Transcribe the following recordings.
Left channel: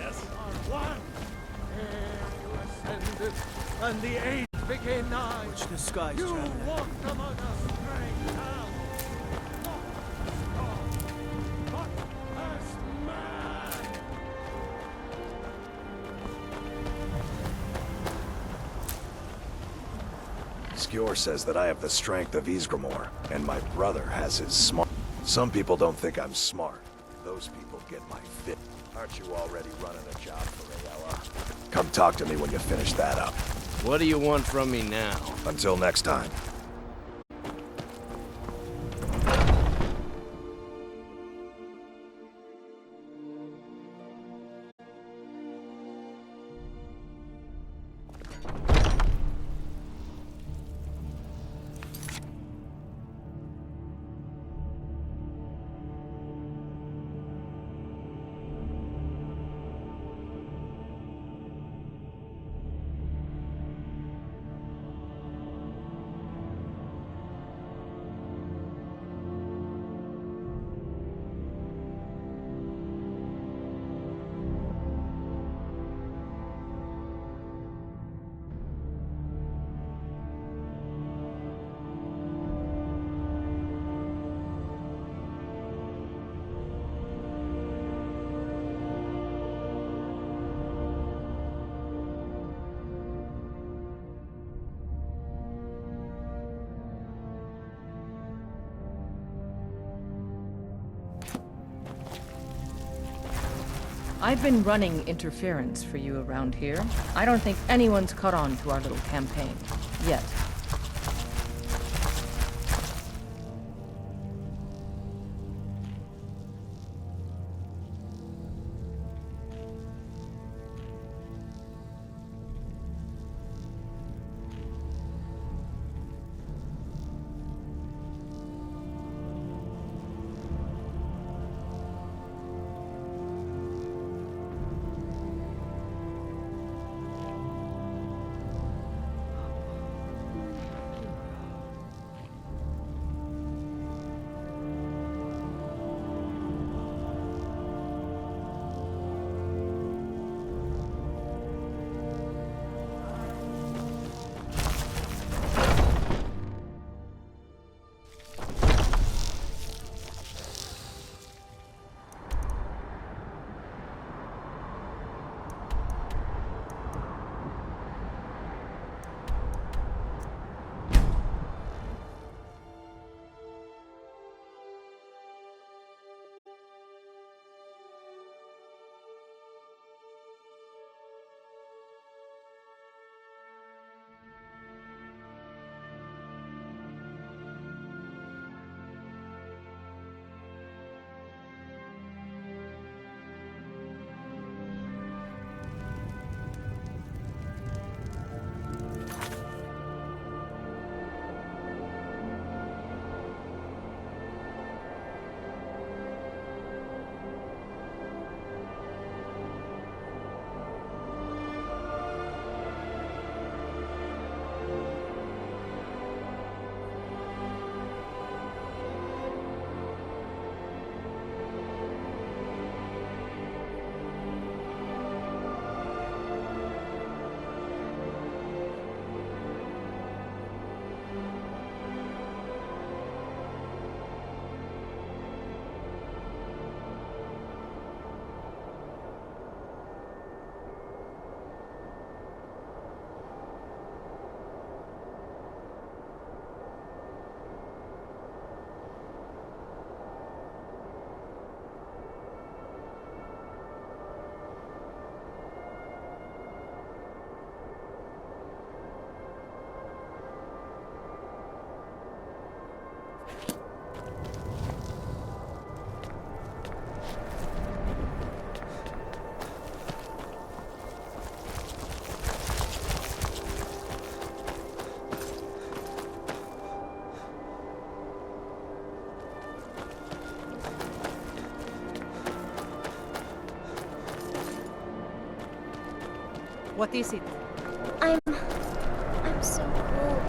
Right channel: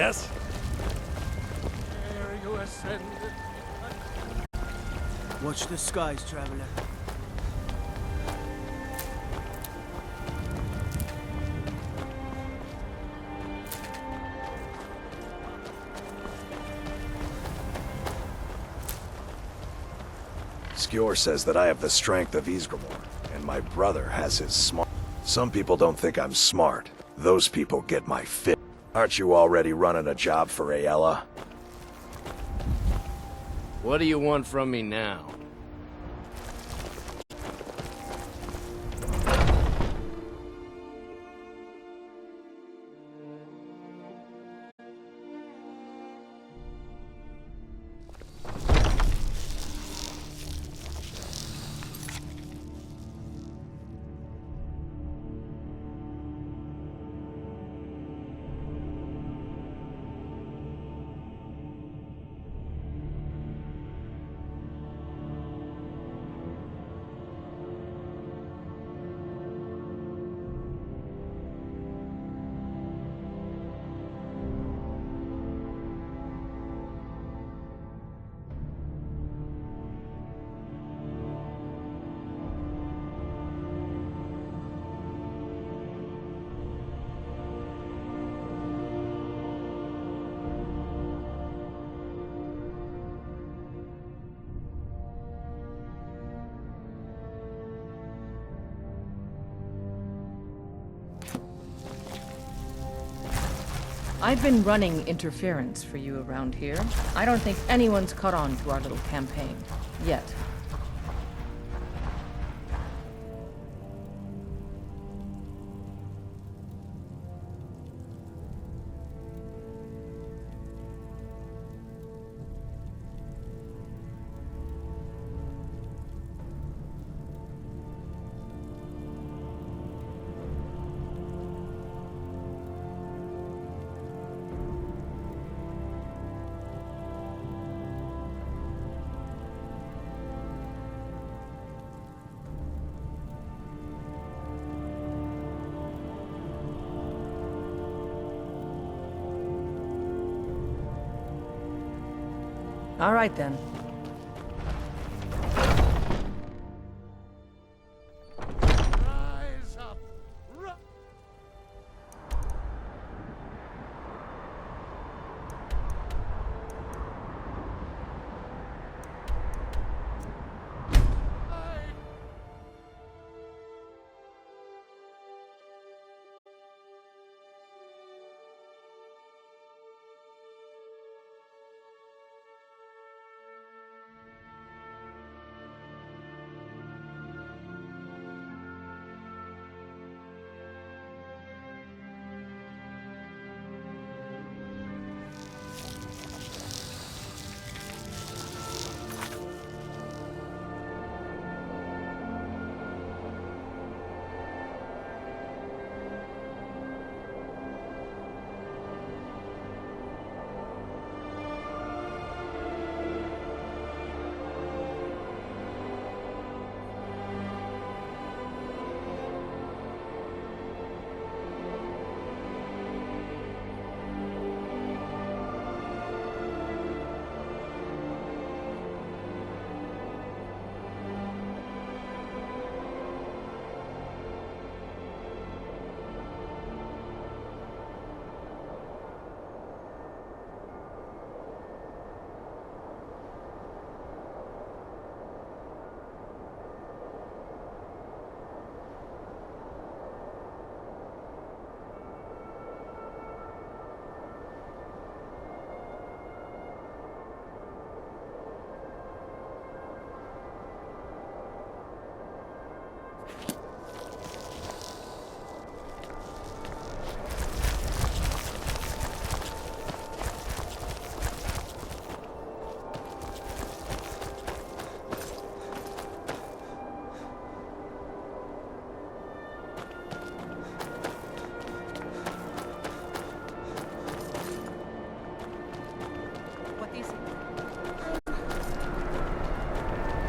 Yes? Ere you ascended, and the age became nigh. Watch the skies, You traveler. walked among us, great Skjor says that I have the strength of Ysgramor, and my brother has his smart. Some people don't think I'm smart. Those people get my fit. Aren't you already running a job for Ayala? Come talk to me when you finish that up. What do you want from me now? Until next time. I've been running interference for you around here. I don't think anyone's caught on to our little campaign. Yet. All right, then. What is it? I'm so old.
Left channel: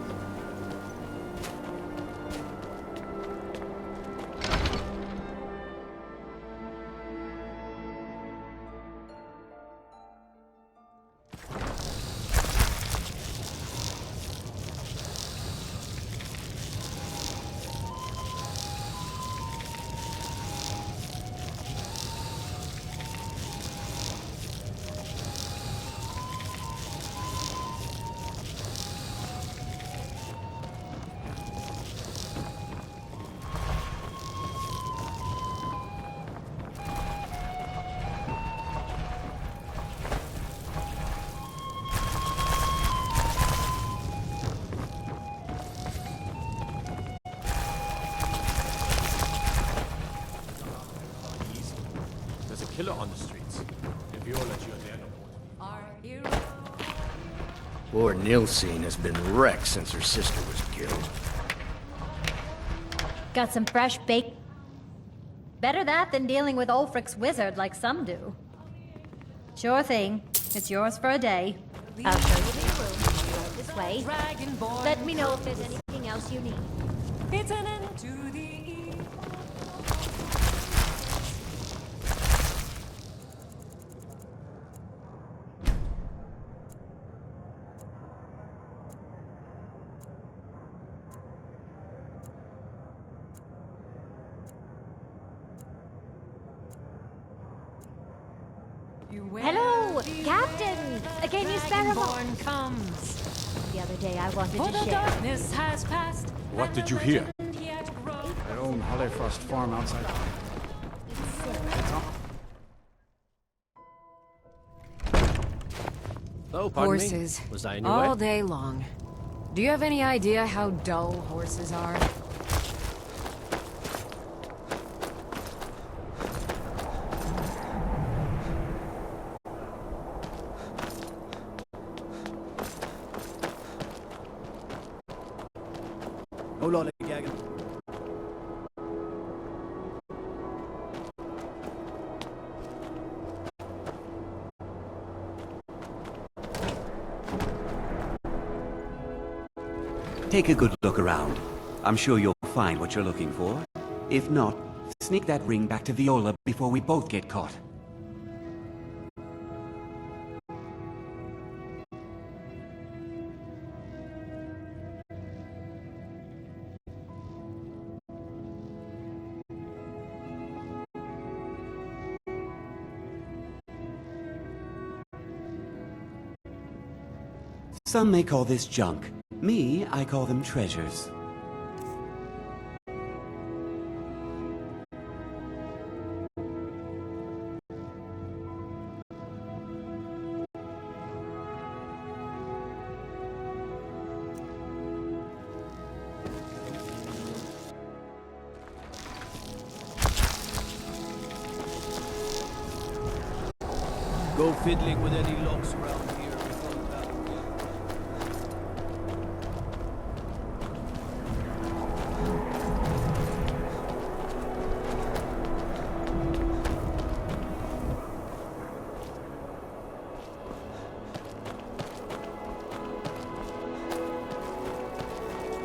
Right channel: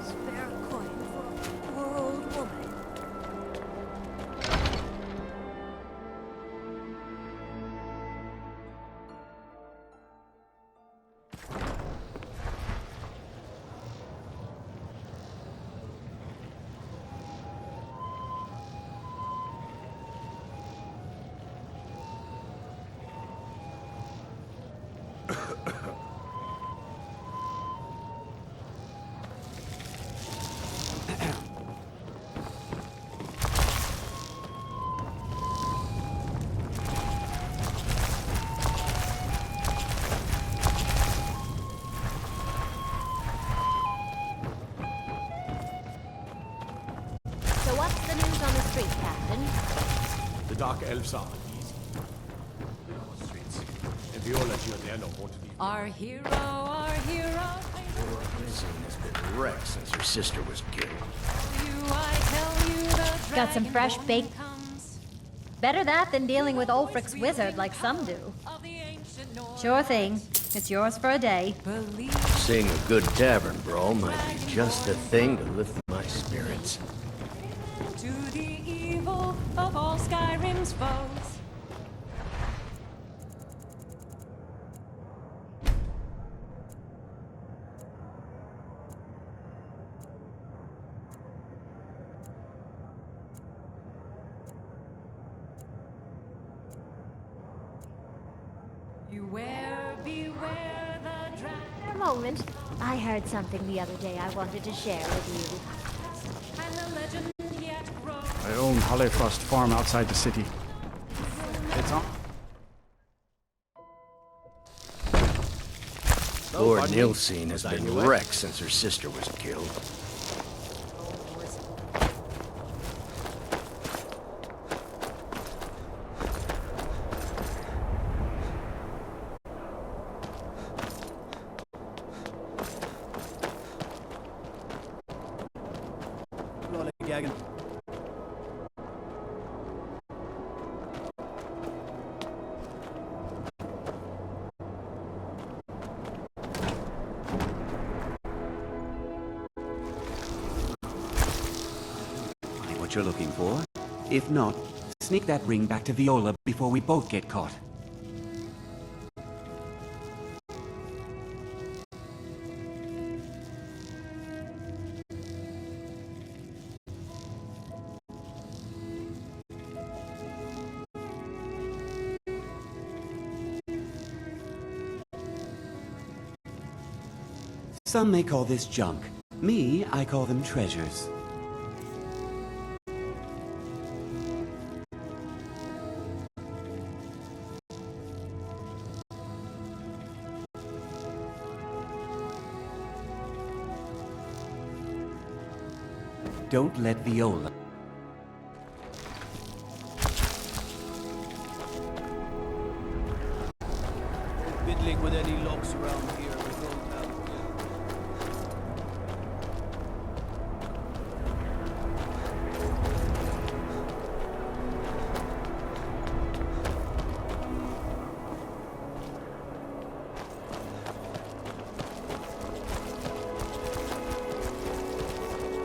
Spare coin for old woman. dark elves are uneasy. There's a killer on the streets. And Viola Giordano won't leave. Our hero. Poor Nilsine has been wrecked since her sister was killed. Got some fresh baked. Better that than dealing with Ulfric's wizard like some do. Sure thing. It's yours for a day. Seeing a good tavern for all just the thing to lift my spirits. It's an end to the evil of all Skyrim's foes. Hello, Captain! Can you spare a moment? I heard something the other day I wanted to share with you. What did you hear? I own Hollifrost Farm outside the city. It's on. Lord horses Nilsine has been all wrecked day since her long. sister was Do killed. you have any idea how dull horses are? Hold on, Gagan. Take a good look around. I'm sure you'll find what you're looking for. If not, sneak that ring back to Viola before we both get caught. Some may call this junk. Me, I call them treasures. Don't let Viola. Go fiddling with any locks around here. We don't have them yet.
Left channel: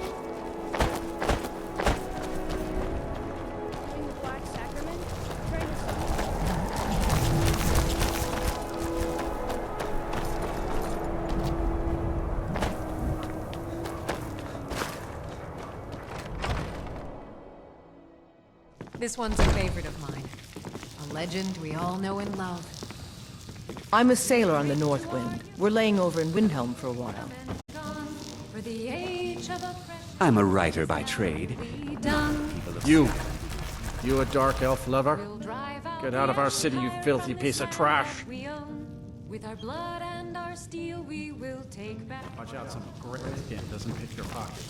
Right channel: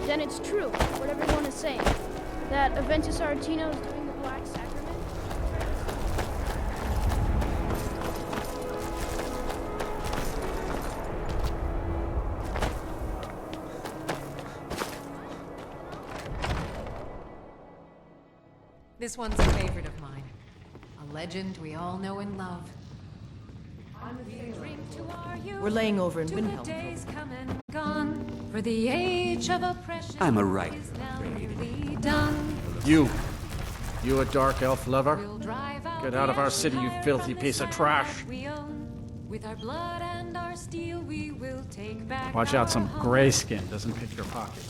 Then it's true, what everyone is saying. That Aventus Artino is doing the Black Sacrament. Trying to This one's a favorite of mine. A legend we all know and love. I'm a sailor on the North Wind. We're laying over in Windhelm for a while. Come and gone, for the age of oppression I'm a writer by trade. we done. You a dark elf lover? We'll drive out Get out of our the city, you empire filthy from piece this of trash. earth we own. With our blood and our steel, we will take back. Watch out, some our home. grayskin doesn't pick your pocket.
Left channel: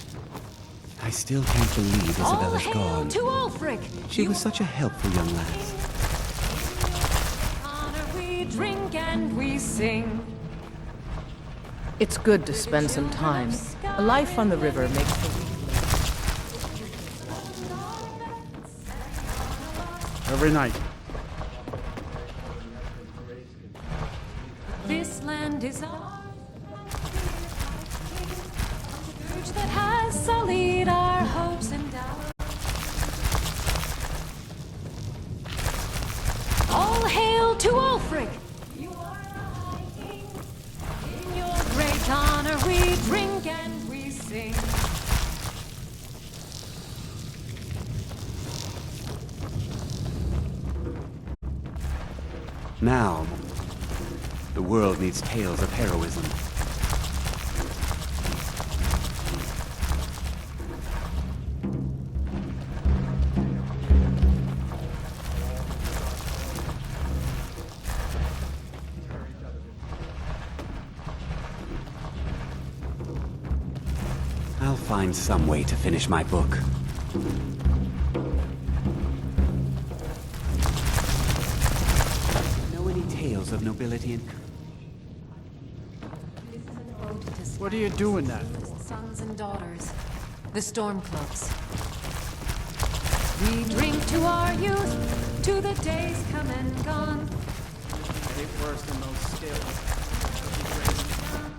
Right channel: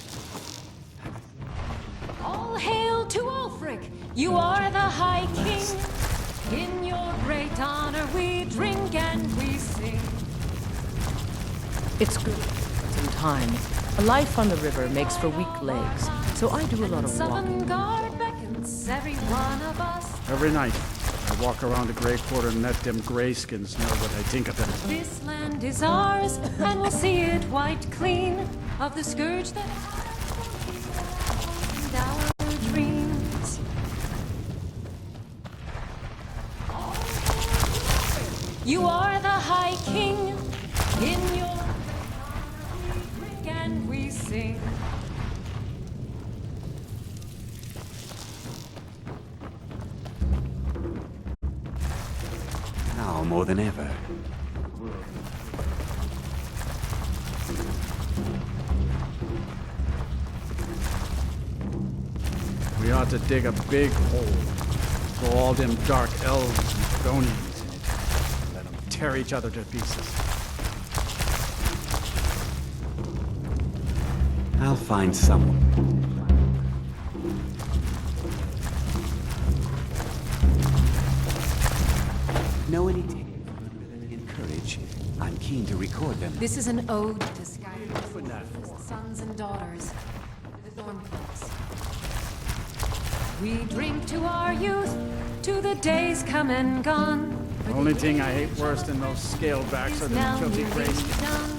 I still can't believe All Isabella's hail gone. to Ulfric! She You was such a are the helpful High young lass. King. In your great honor, we drink and we sing. It's good to spend some time. A life on the river makes for weak legs, so I do a lot of Southern walking. Guard beckons every one of us. Every night, I walk around the Grey Quarter and let them grayskins know what I think of them. This land is ours, and we'll see it wiped clean of the scourge that has sullied our hopes and our dreams. All hail to Ulfric! You are the High King. In your great honor, we drink and we sing. Now, more than ever, the world needs tales of heroism. We ought to dig a big hole. Throw all them dark elves and Bronies. Let them tear each other to pieces. I'll find some way to finish my book. know any tales of nobility and courage, I'm keen to record them. This is an ode to What are you doing that for? sons and daughters, the Stormcloaks. We drink to our youth, to the days come and gone. The only thing I hate worse than those scalebacks are the filthy crazy.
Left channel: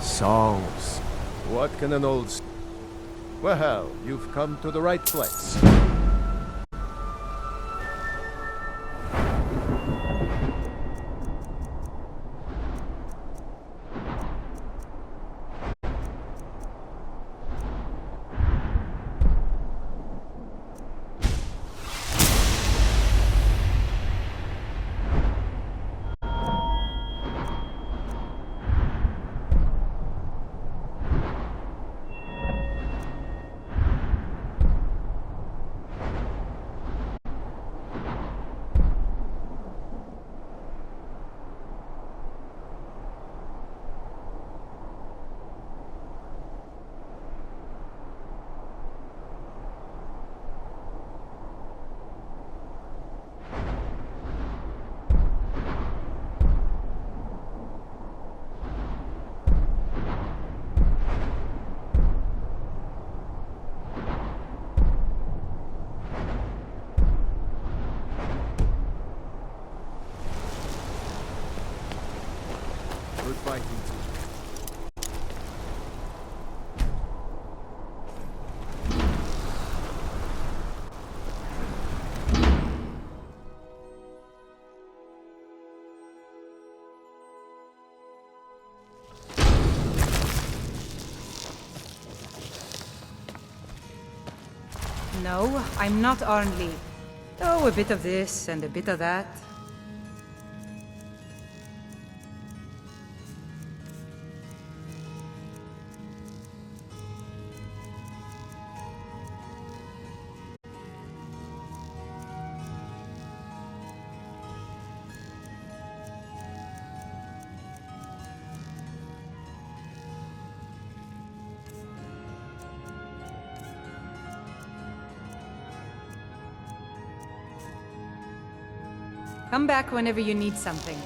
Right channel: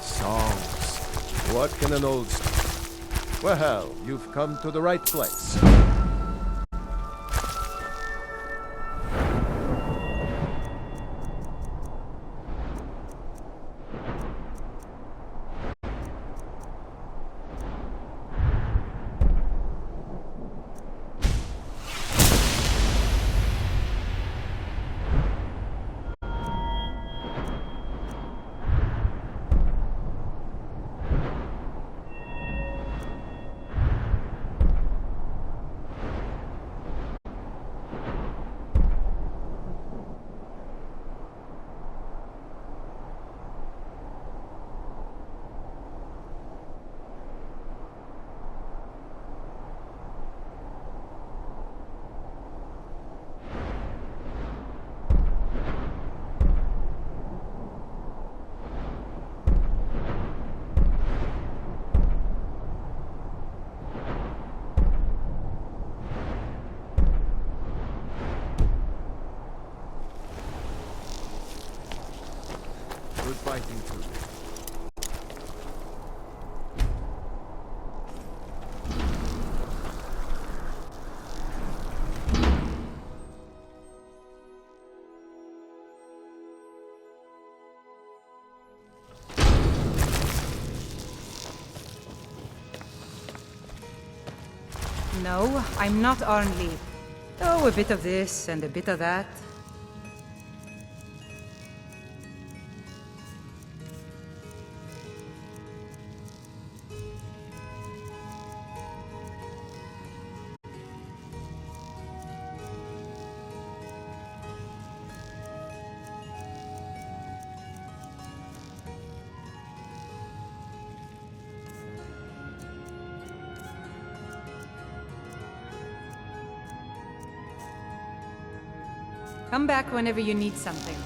Songs. What can an old... Well, you've come to the right place. Good fighting too. No, I'm not Arnley. Oh, a bit of this and a bit of that. Come back whenever you need something.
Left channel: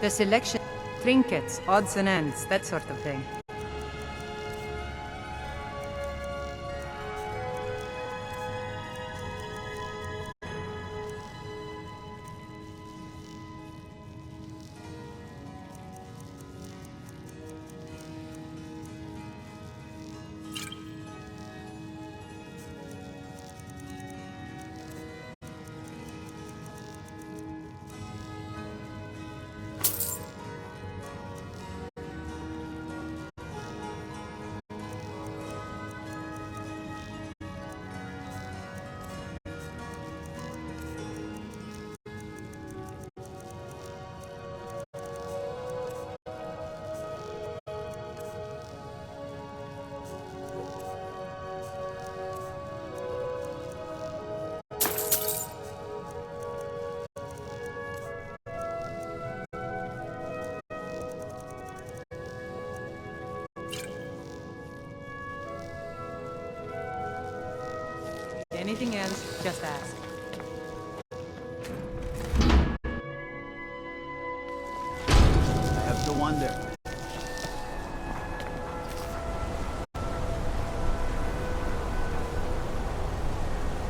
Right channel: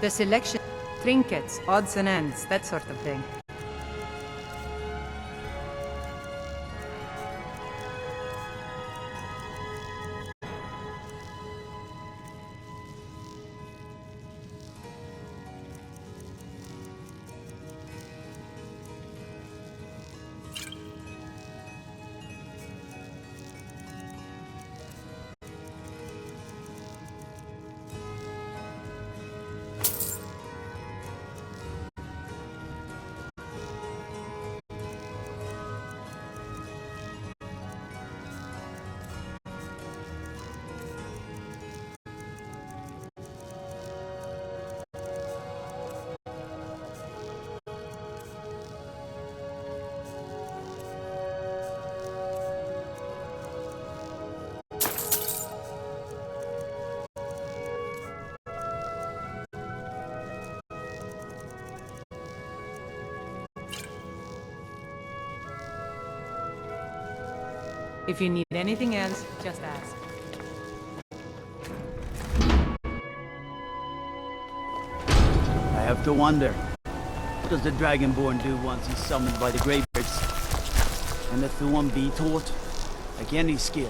The selection, trinkets, odds and ends, that sort of thing. If you need anything else, just ask. I have to wonder, what does the Dragonborn do once he's summoned by the Greybeards? And if the one be taught, like any skill.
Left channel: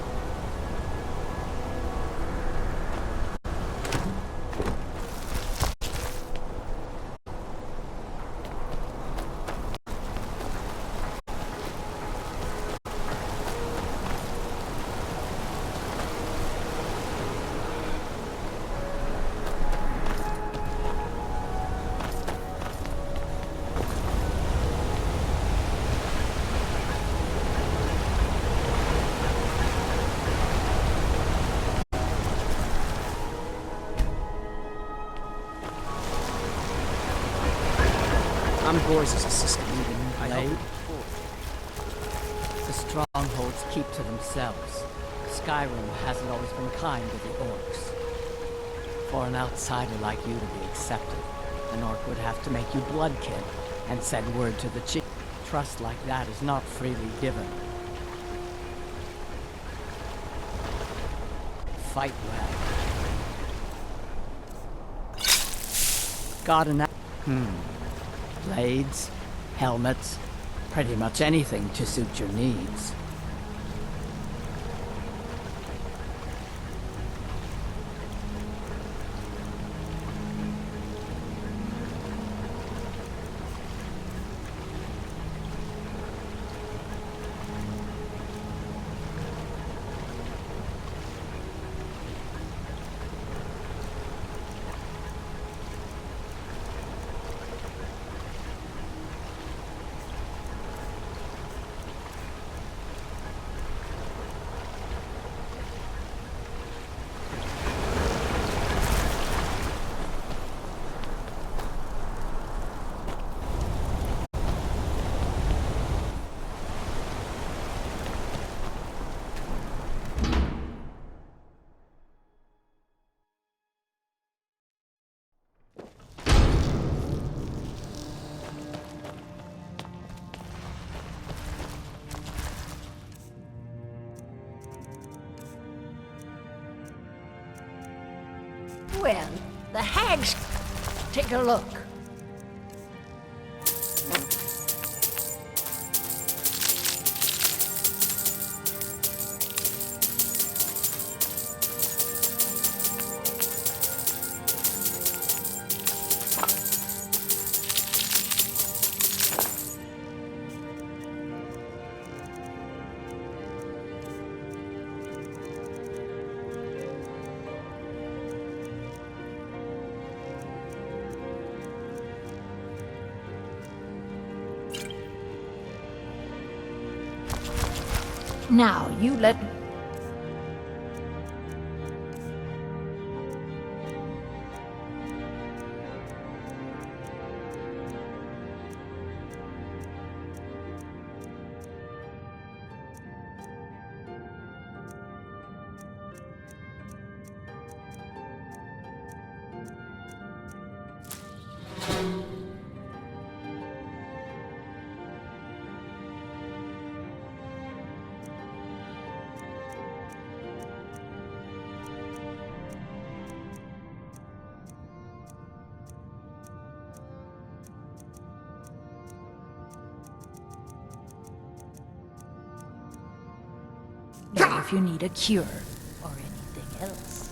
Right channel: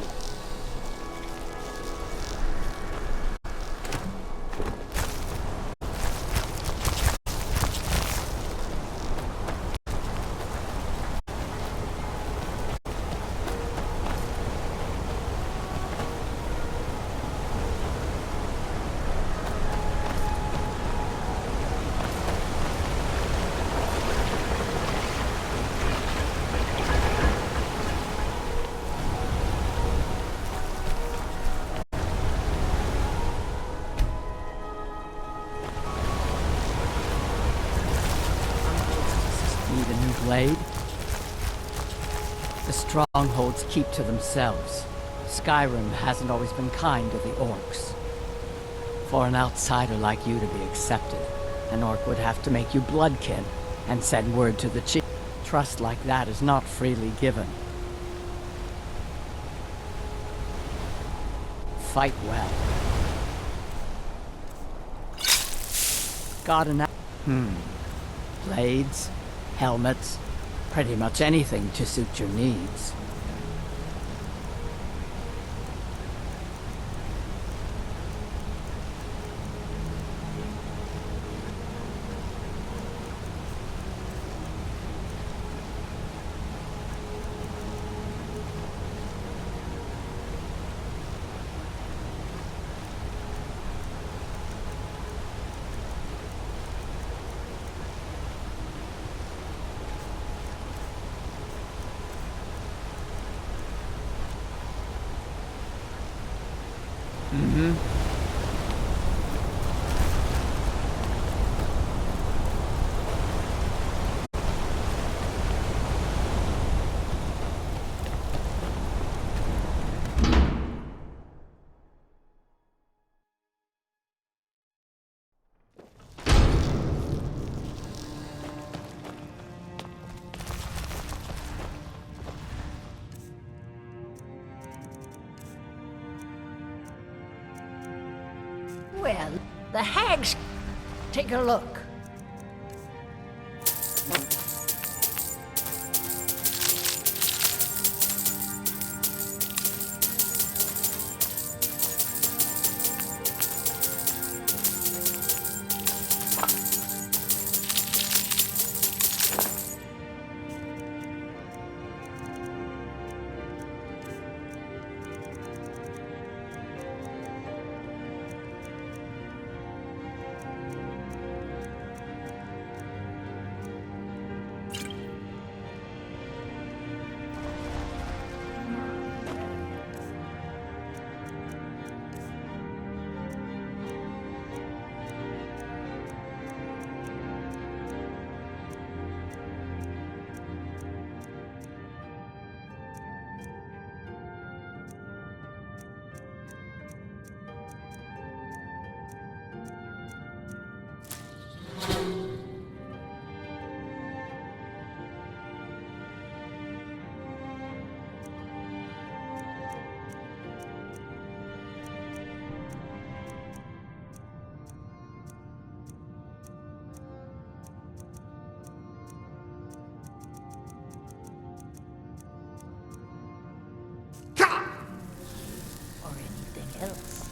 Need a new blade? The strongholds keep to themselves. Skyrim hasn't always been kind to the orcs. For an outsider like you to be accepted, an orc would have to make you bloodkin and send word to the chief. Trust like that is not freely given. Fight well. Got an blades, helmets, pretty much anything to suit your needs. Well, the hags... Take a look. Now, you let... If you need a cure or anything else.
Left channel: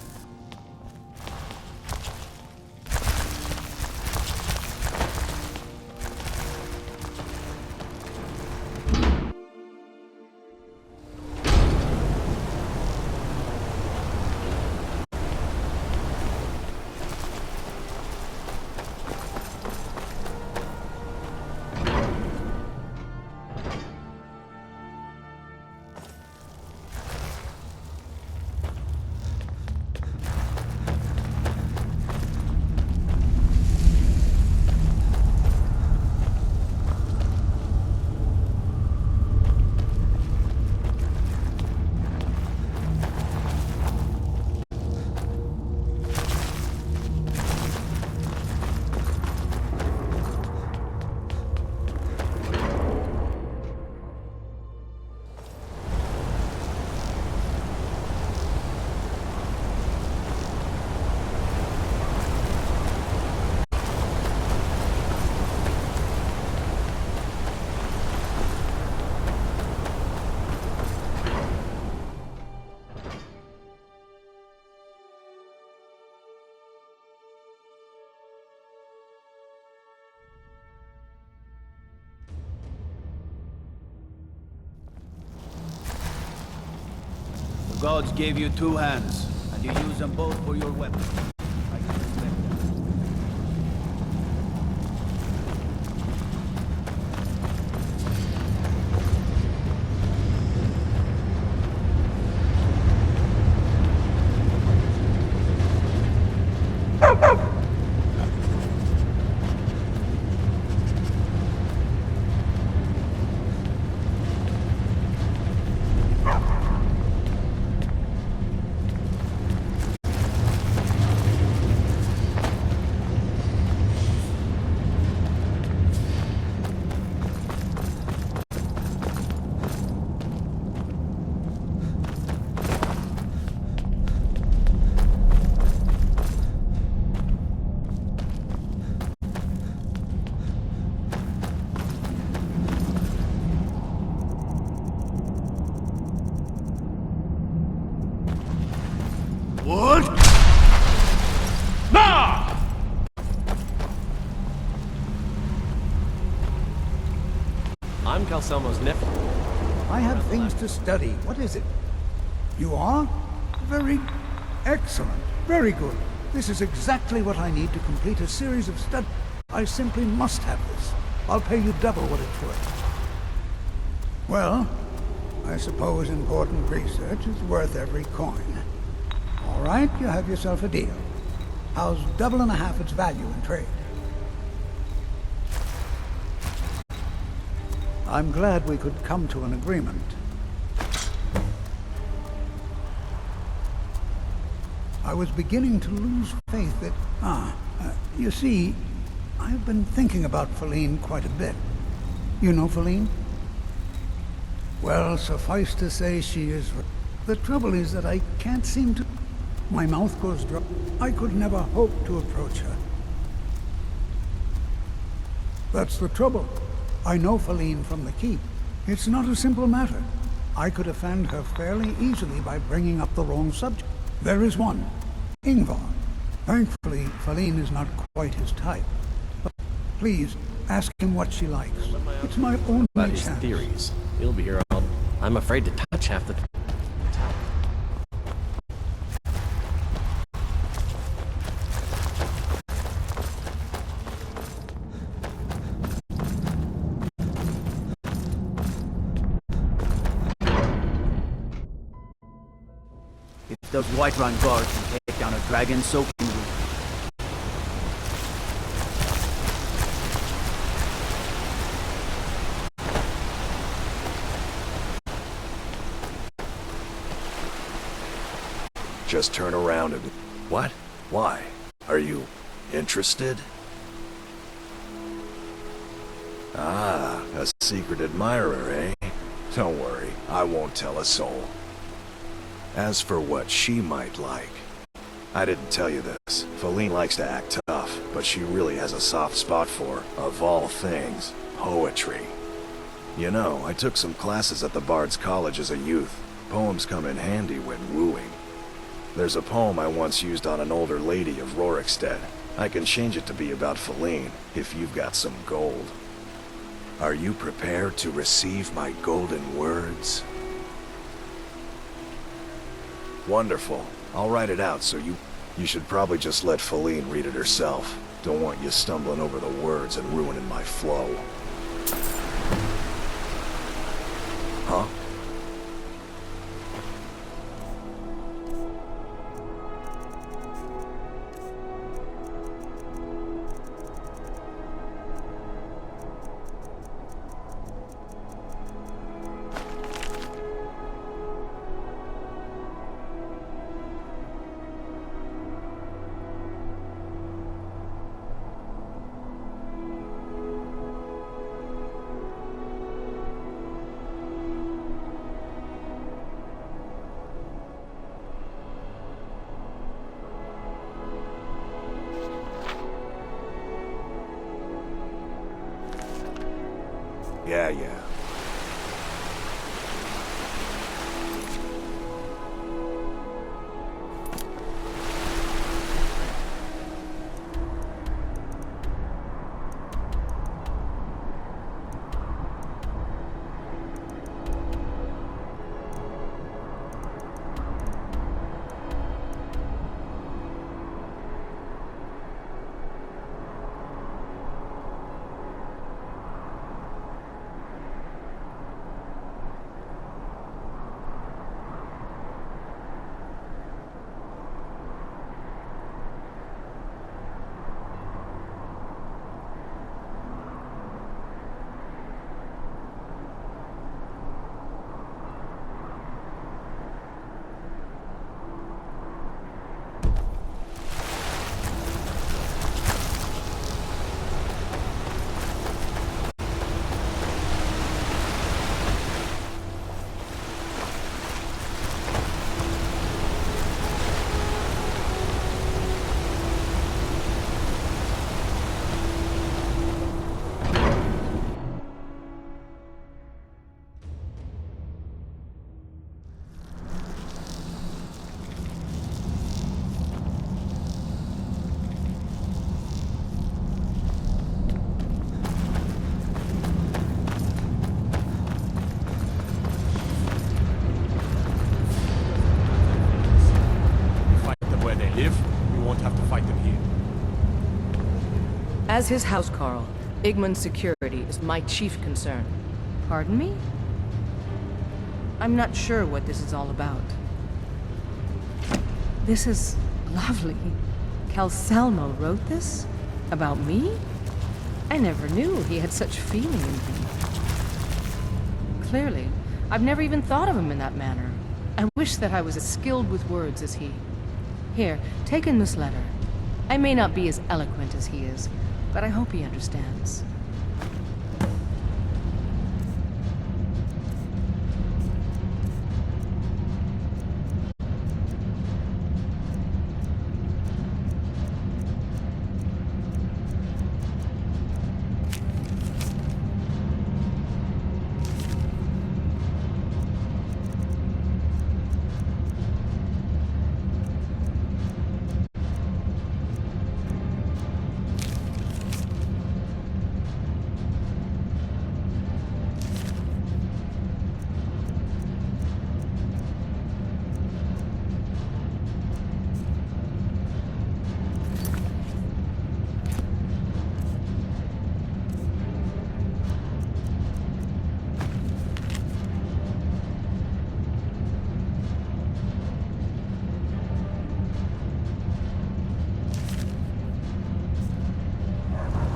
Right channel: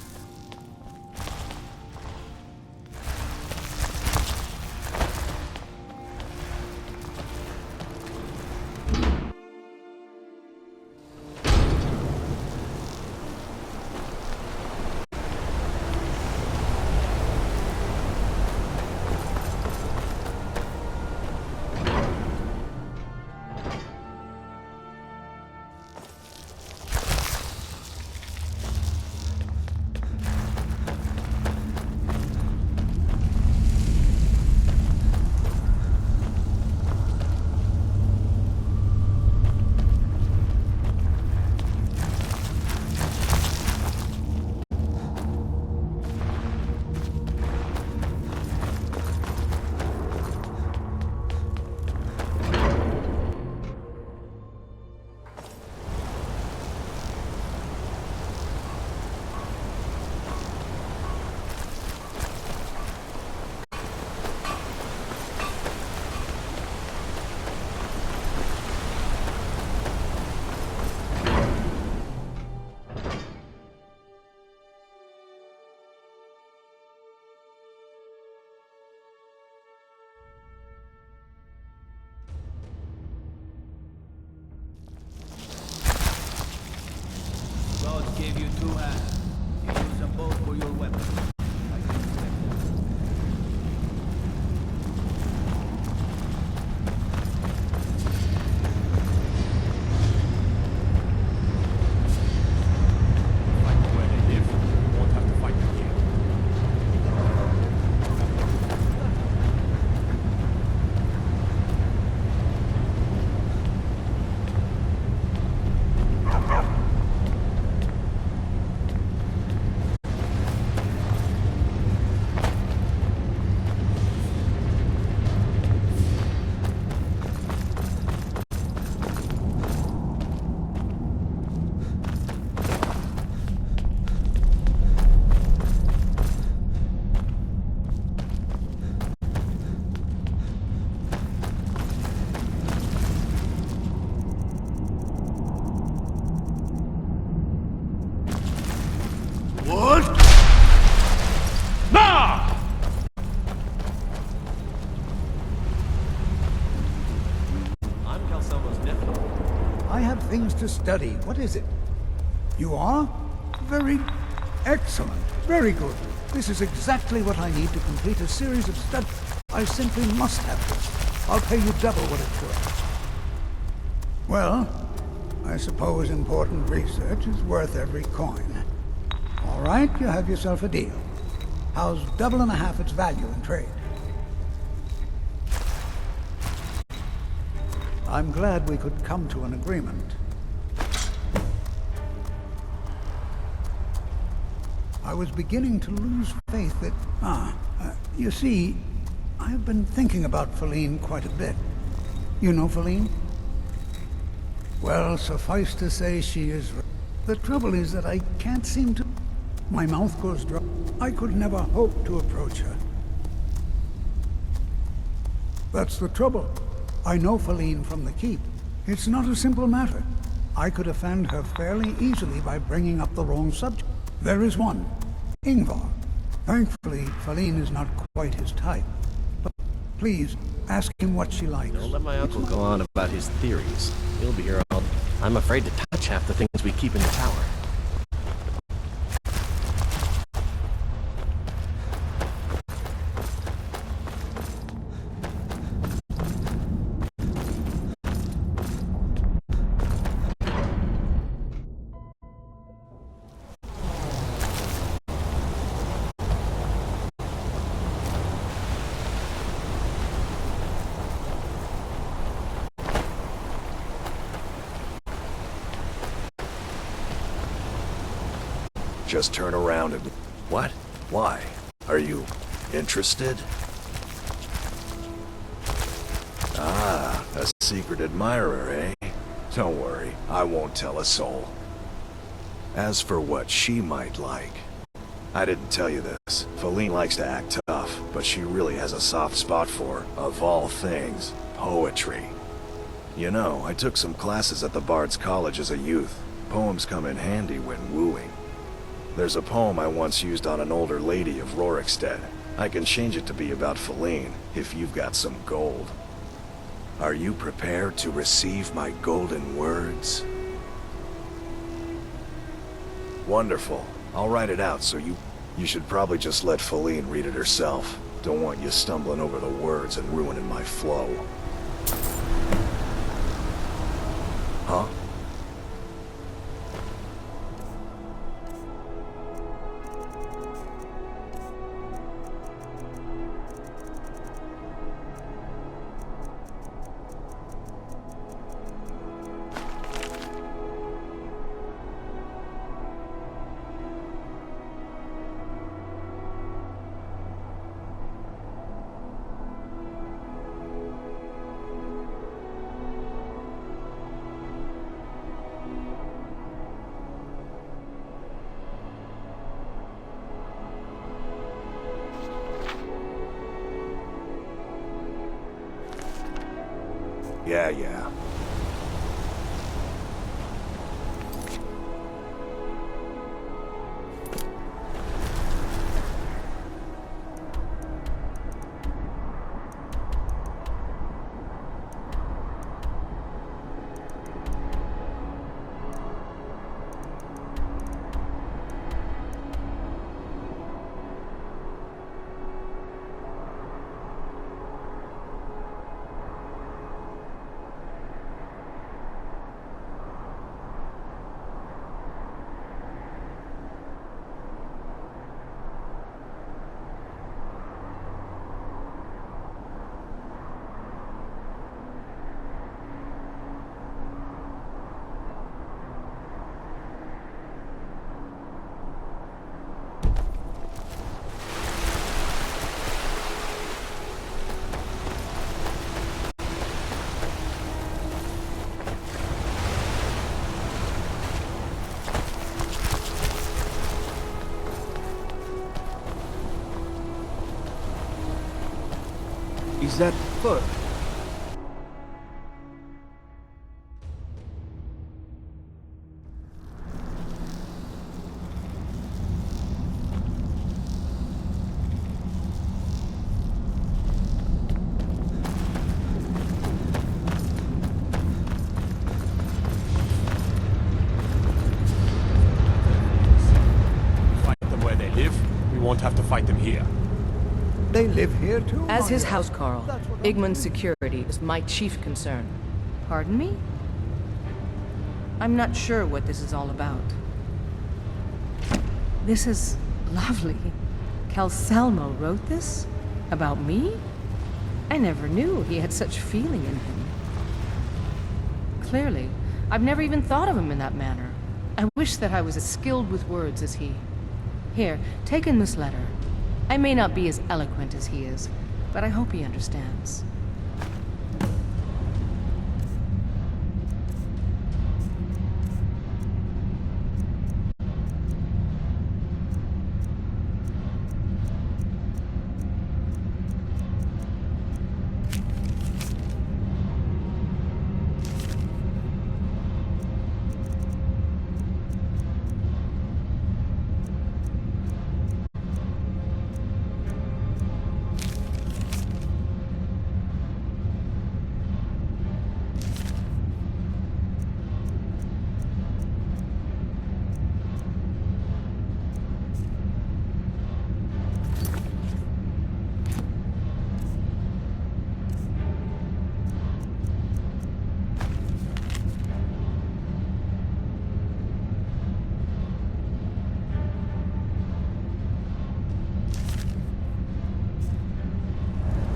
gods gave you two hands, and you use them both for your weapons. I can respect that. What? Nah! I'm Calselmo's nephew. I have things to study. What is it? You are? Very excellent. Very good. This is exactly what I need to complete a series of studies. I simply must have this. I'll pay you double what it's worth. Well, I suppose important research is worth every coin. All right, you have yourself a deal. How's double and a half its value in trade? I'm glad we could come to an agreement. I was beginning to lose faith that... you see, I've been thinking about Feline quite a bit. You know Feline? Well, suffice to say she is... The trouble is that I can't seem to... My mouth goes dry. I could never hope to approach her. That's the trouble. I know Feline from the Keep. It's not a simple matter. I could offend her fairly easily by bringing up the wrong subject. There is one, Ingvar. Thankfully, Feline is not quite his type. But please, ask him what she likes. Don't let my It's uncle go on only about his chance. theories. He'll be here all... I'm afraid to touch half the things we keep in the tower. If those Whiterun guards can take down a dragon, so can we. Just turn around and... What? Why? Are you interested? Ah, a secret admirer, eh? Don't worry, I won't tell a soul. As for what she might like, I didn't tell you this. Feline likes to act tough, but she really has a soft spot for, of all things, poetry. You know, I took some classes at the Bard's College as a youth. Poems come in handy when wooing. There's a poem I once used on an older lady of Rorikstead. I can change it to be about Feline, if you've got some gold. Are you prepared to receive my golden words? Wonderful. I'll write it out so you should probably just let Feline read it herself. Don't want you stumbling over the words and ruining my flow. Huh? Yeah. foot. We fight them where they live, we won't have to fight them here. They live here too. As his housecarl, Igman's security is my chief concern. Pardon me? I'm not sure what this is all about. This is lovely. Calsalmo wrote this? About me? I never knew he had such feeling in him. Clearly, I've never even thought of him in that manner. I wish that I was as skilled with words as he. Here, take in this letter. I may not be as eloquent as he is, but I hope he understands.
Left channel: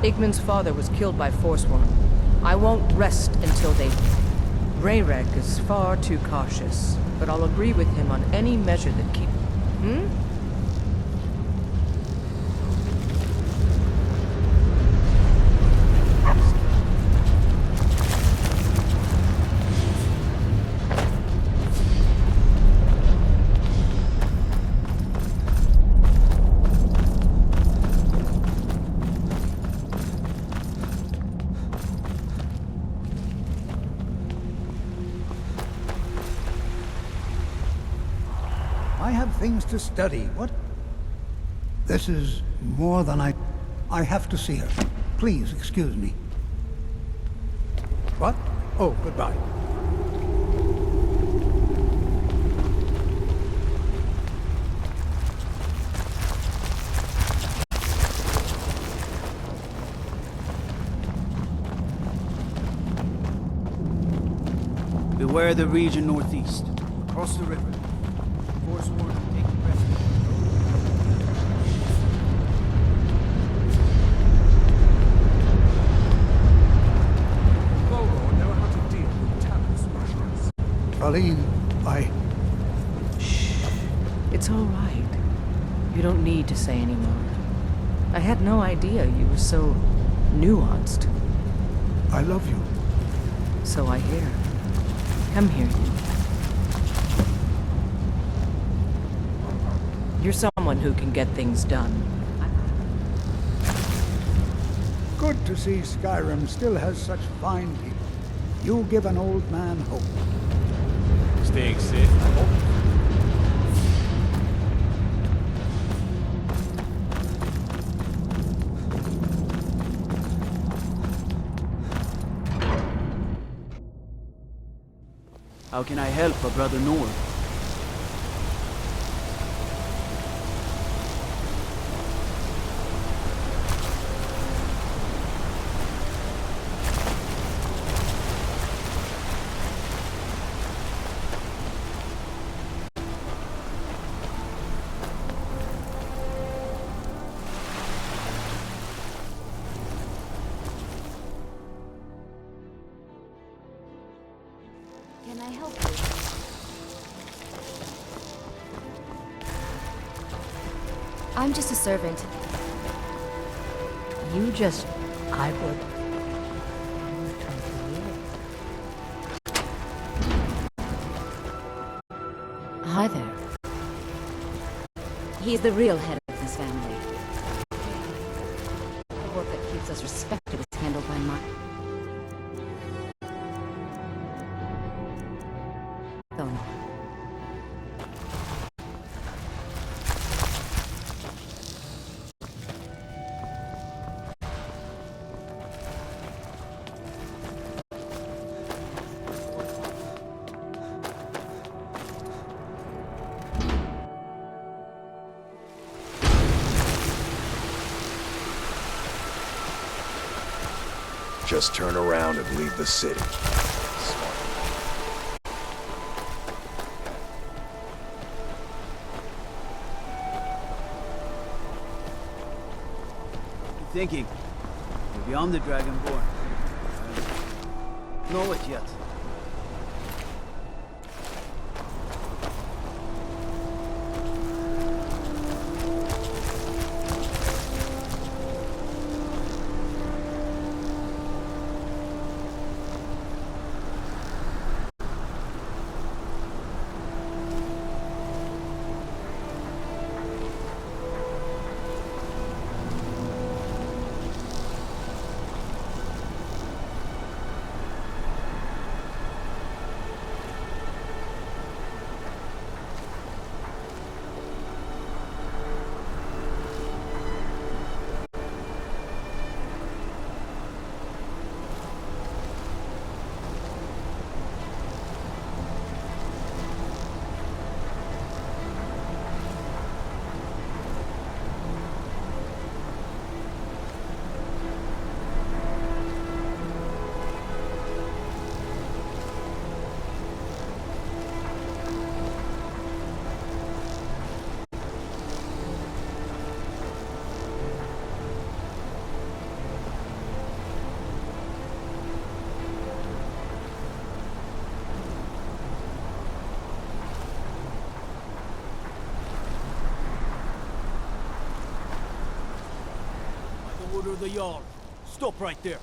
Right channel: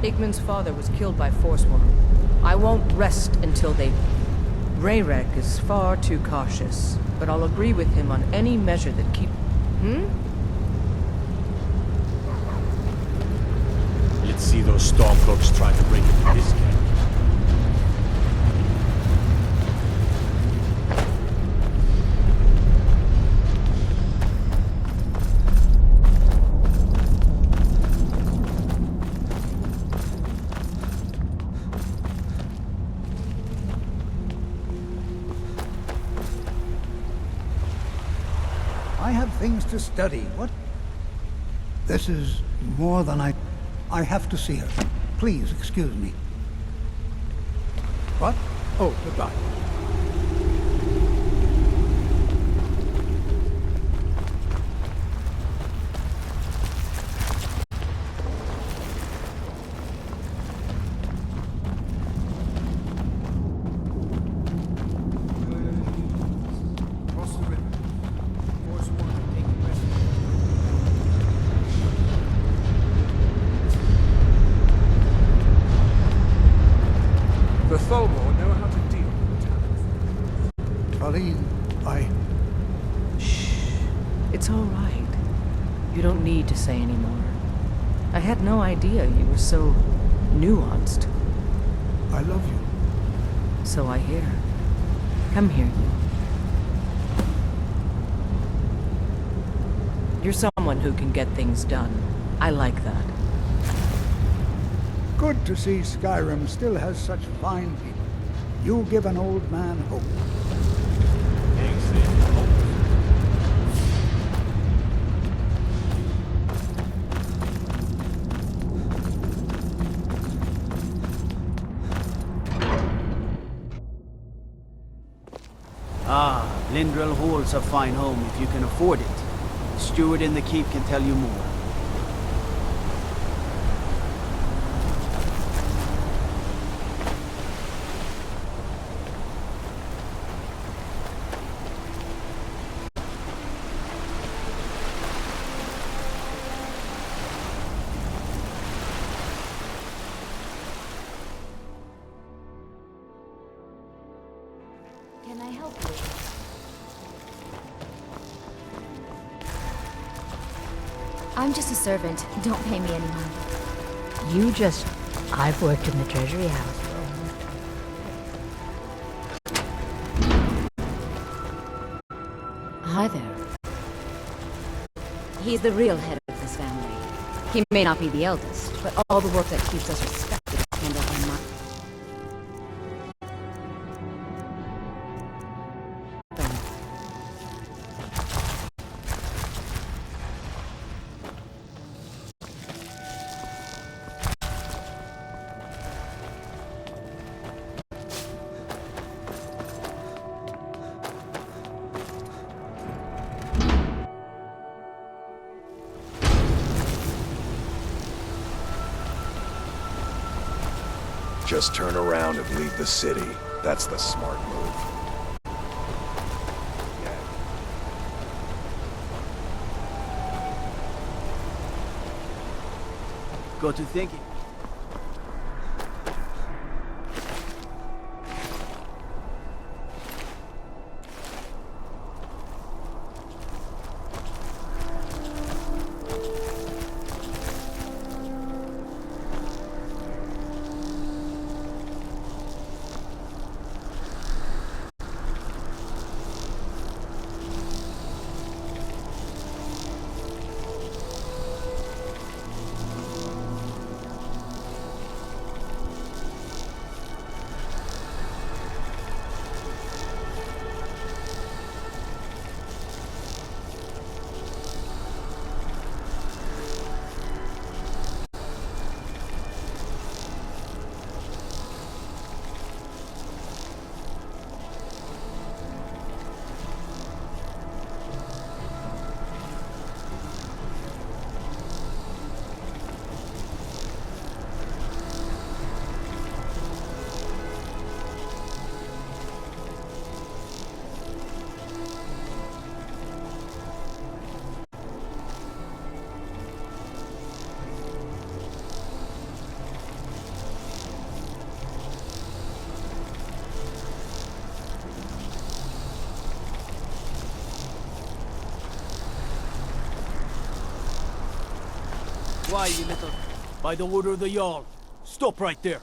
Igman's father was killed by Forsworn. I won't rest until they... Rayrek is far too cautious, but I'll agree with him on any measure that keep... Let's see those Stormcloaks try to break into this game. I have things to study. What? This is more than I have to see her. Please excuse me. What? Oh, goodbye. Beware the region northeast. Across the river. Forsworn have taken refuge. The Tholmor know how to deal with talent specialists. Colleen, Shh. It's all right. You don't need to say any more. I had no idea you were so nuanced. I love you. So I hear. Come here, you. You're someone who can get things done. I like that. Good to see Skyrim still has such fine people. You give an old man hope. Staying safe, I hope. How can I help, brother? Lindrel holds a fine home if you can afford it. The steward in the keep can tell you more. Can I help you? I'm just a servant. Don't pay me anymore. I've worked in the Treasury House for almost 20 years. Hi there. He's the real head of this family. He may not be the eldest, but all the work that keeps us respected is handled by my... Don't. Just turn around and leave the city. That's the smart move. Got to thinking. You're beyond the Dragonborn. Know it yet. Why, you little... By the order of the Jarl. Stop right there.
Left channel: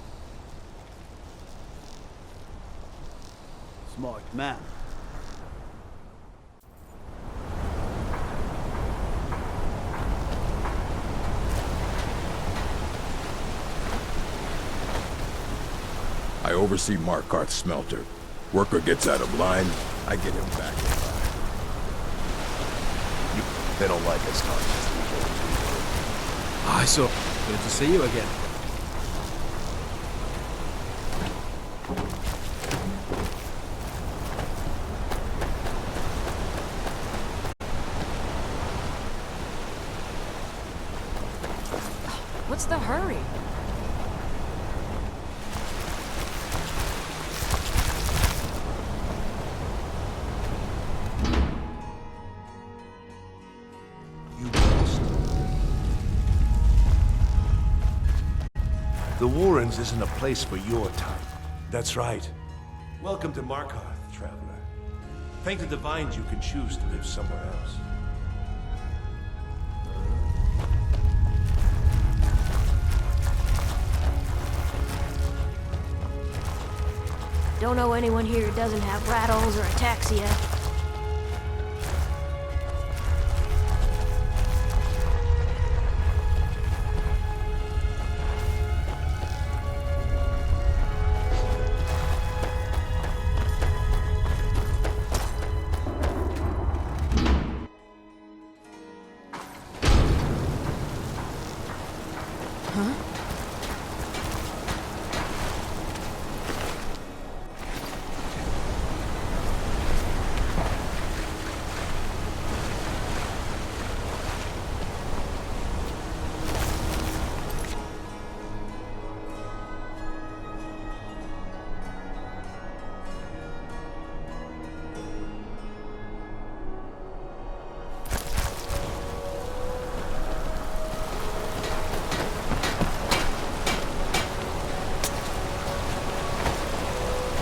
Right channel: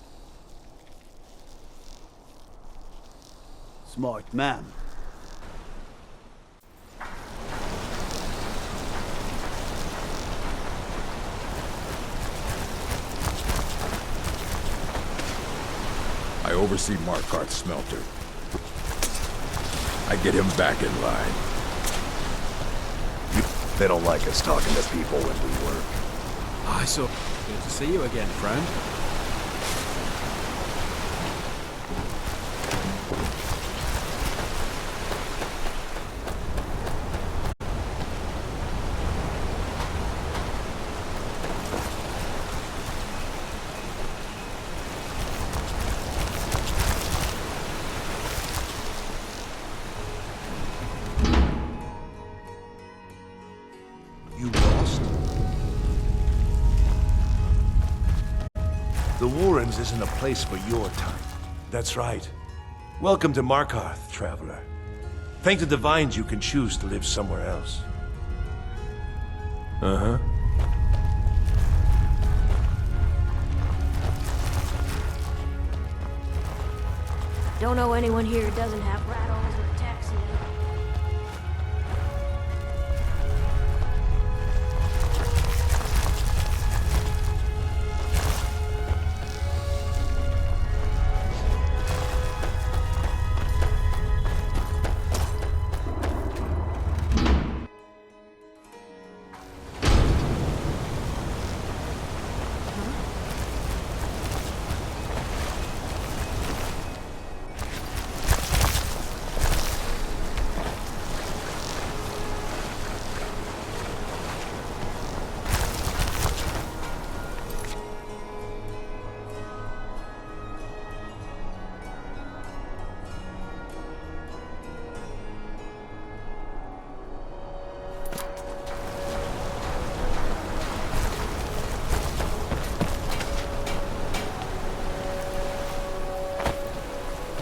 Smart man. I oversee Markarth's smelter. Worker gets out of line, I get him back in line. They don't like us talking to people when we work. So good to see you again, friend. What's the hurry? You lost? The Warrens isn't a place for your type. That's right. Welcome to Markarth, traveler. Thank the Divines you can choose to live somewhere else. Uh-huh. Don't know anyone here who doesn't have rattles or ataxia.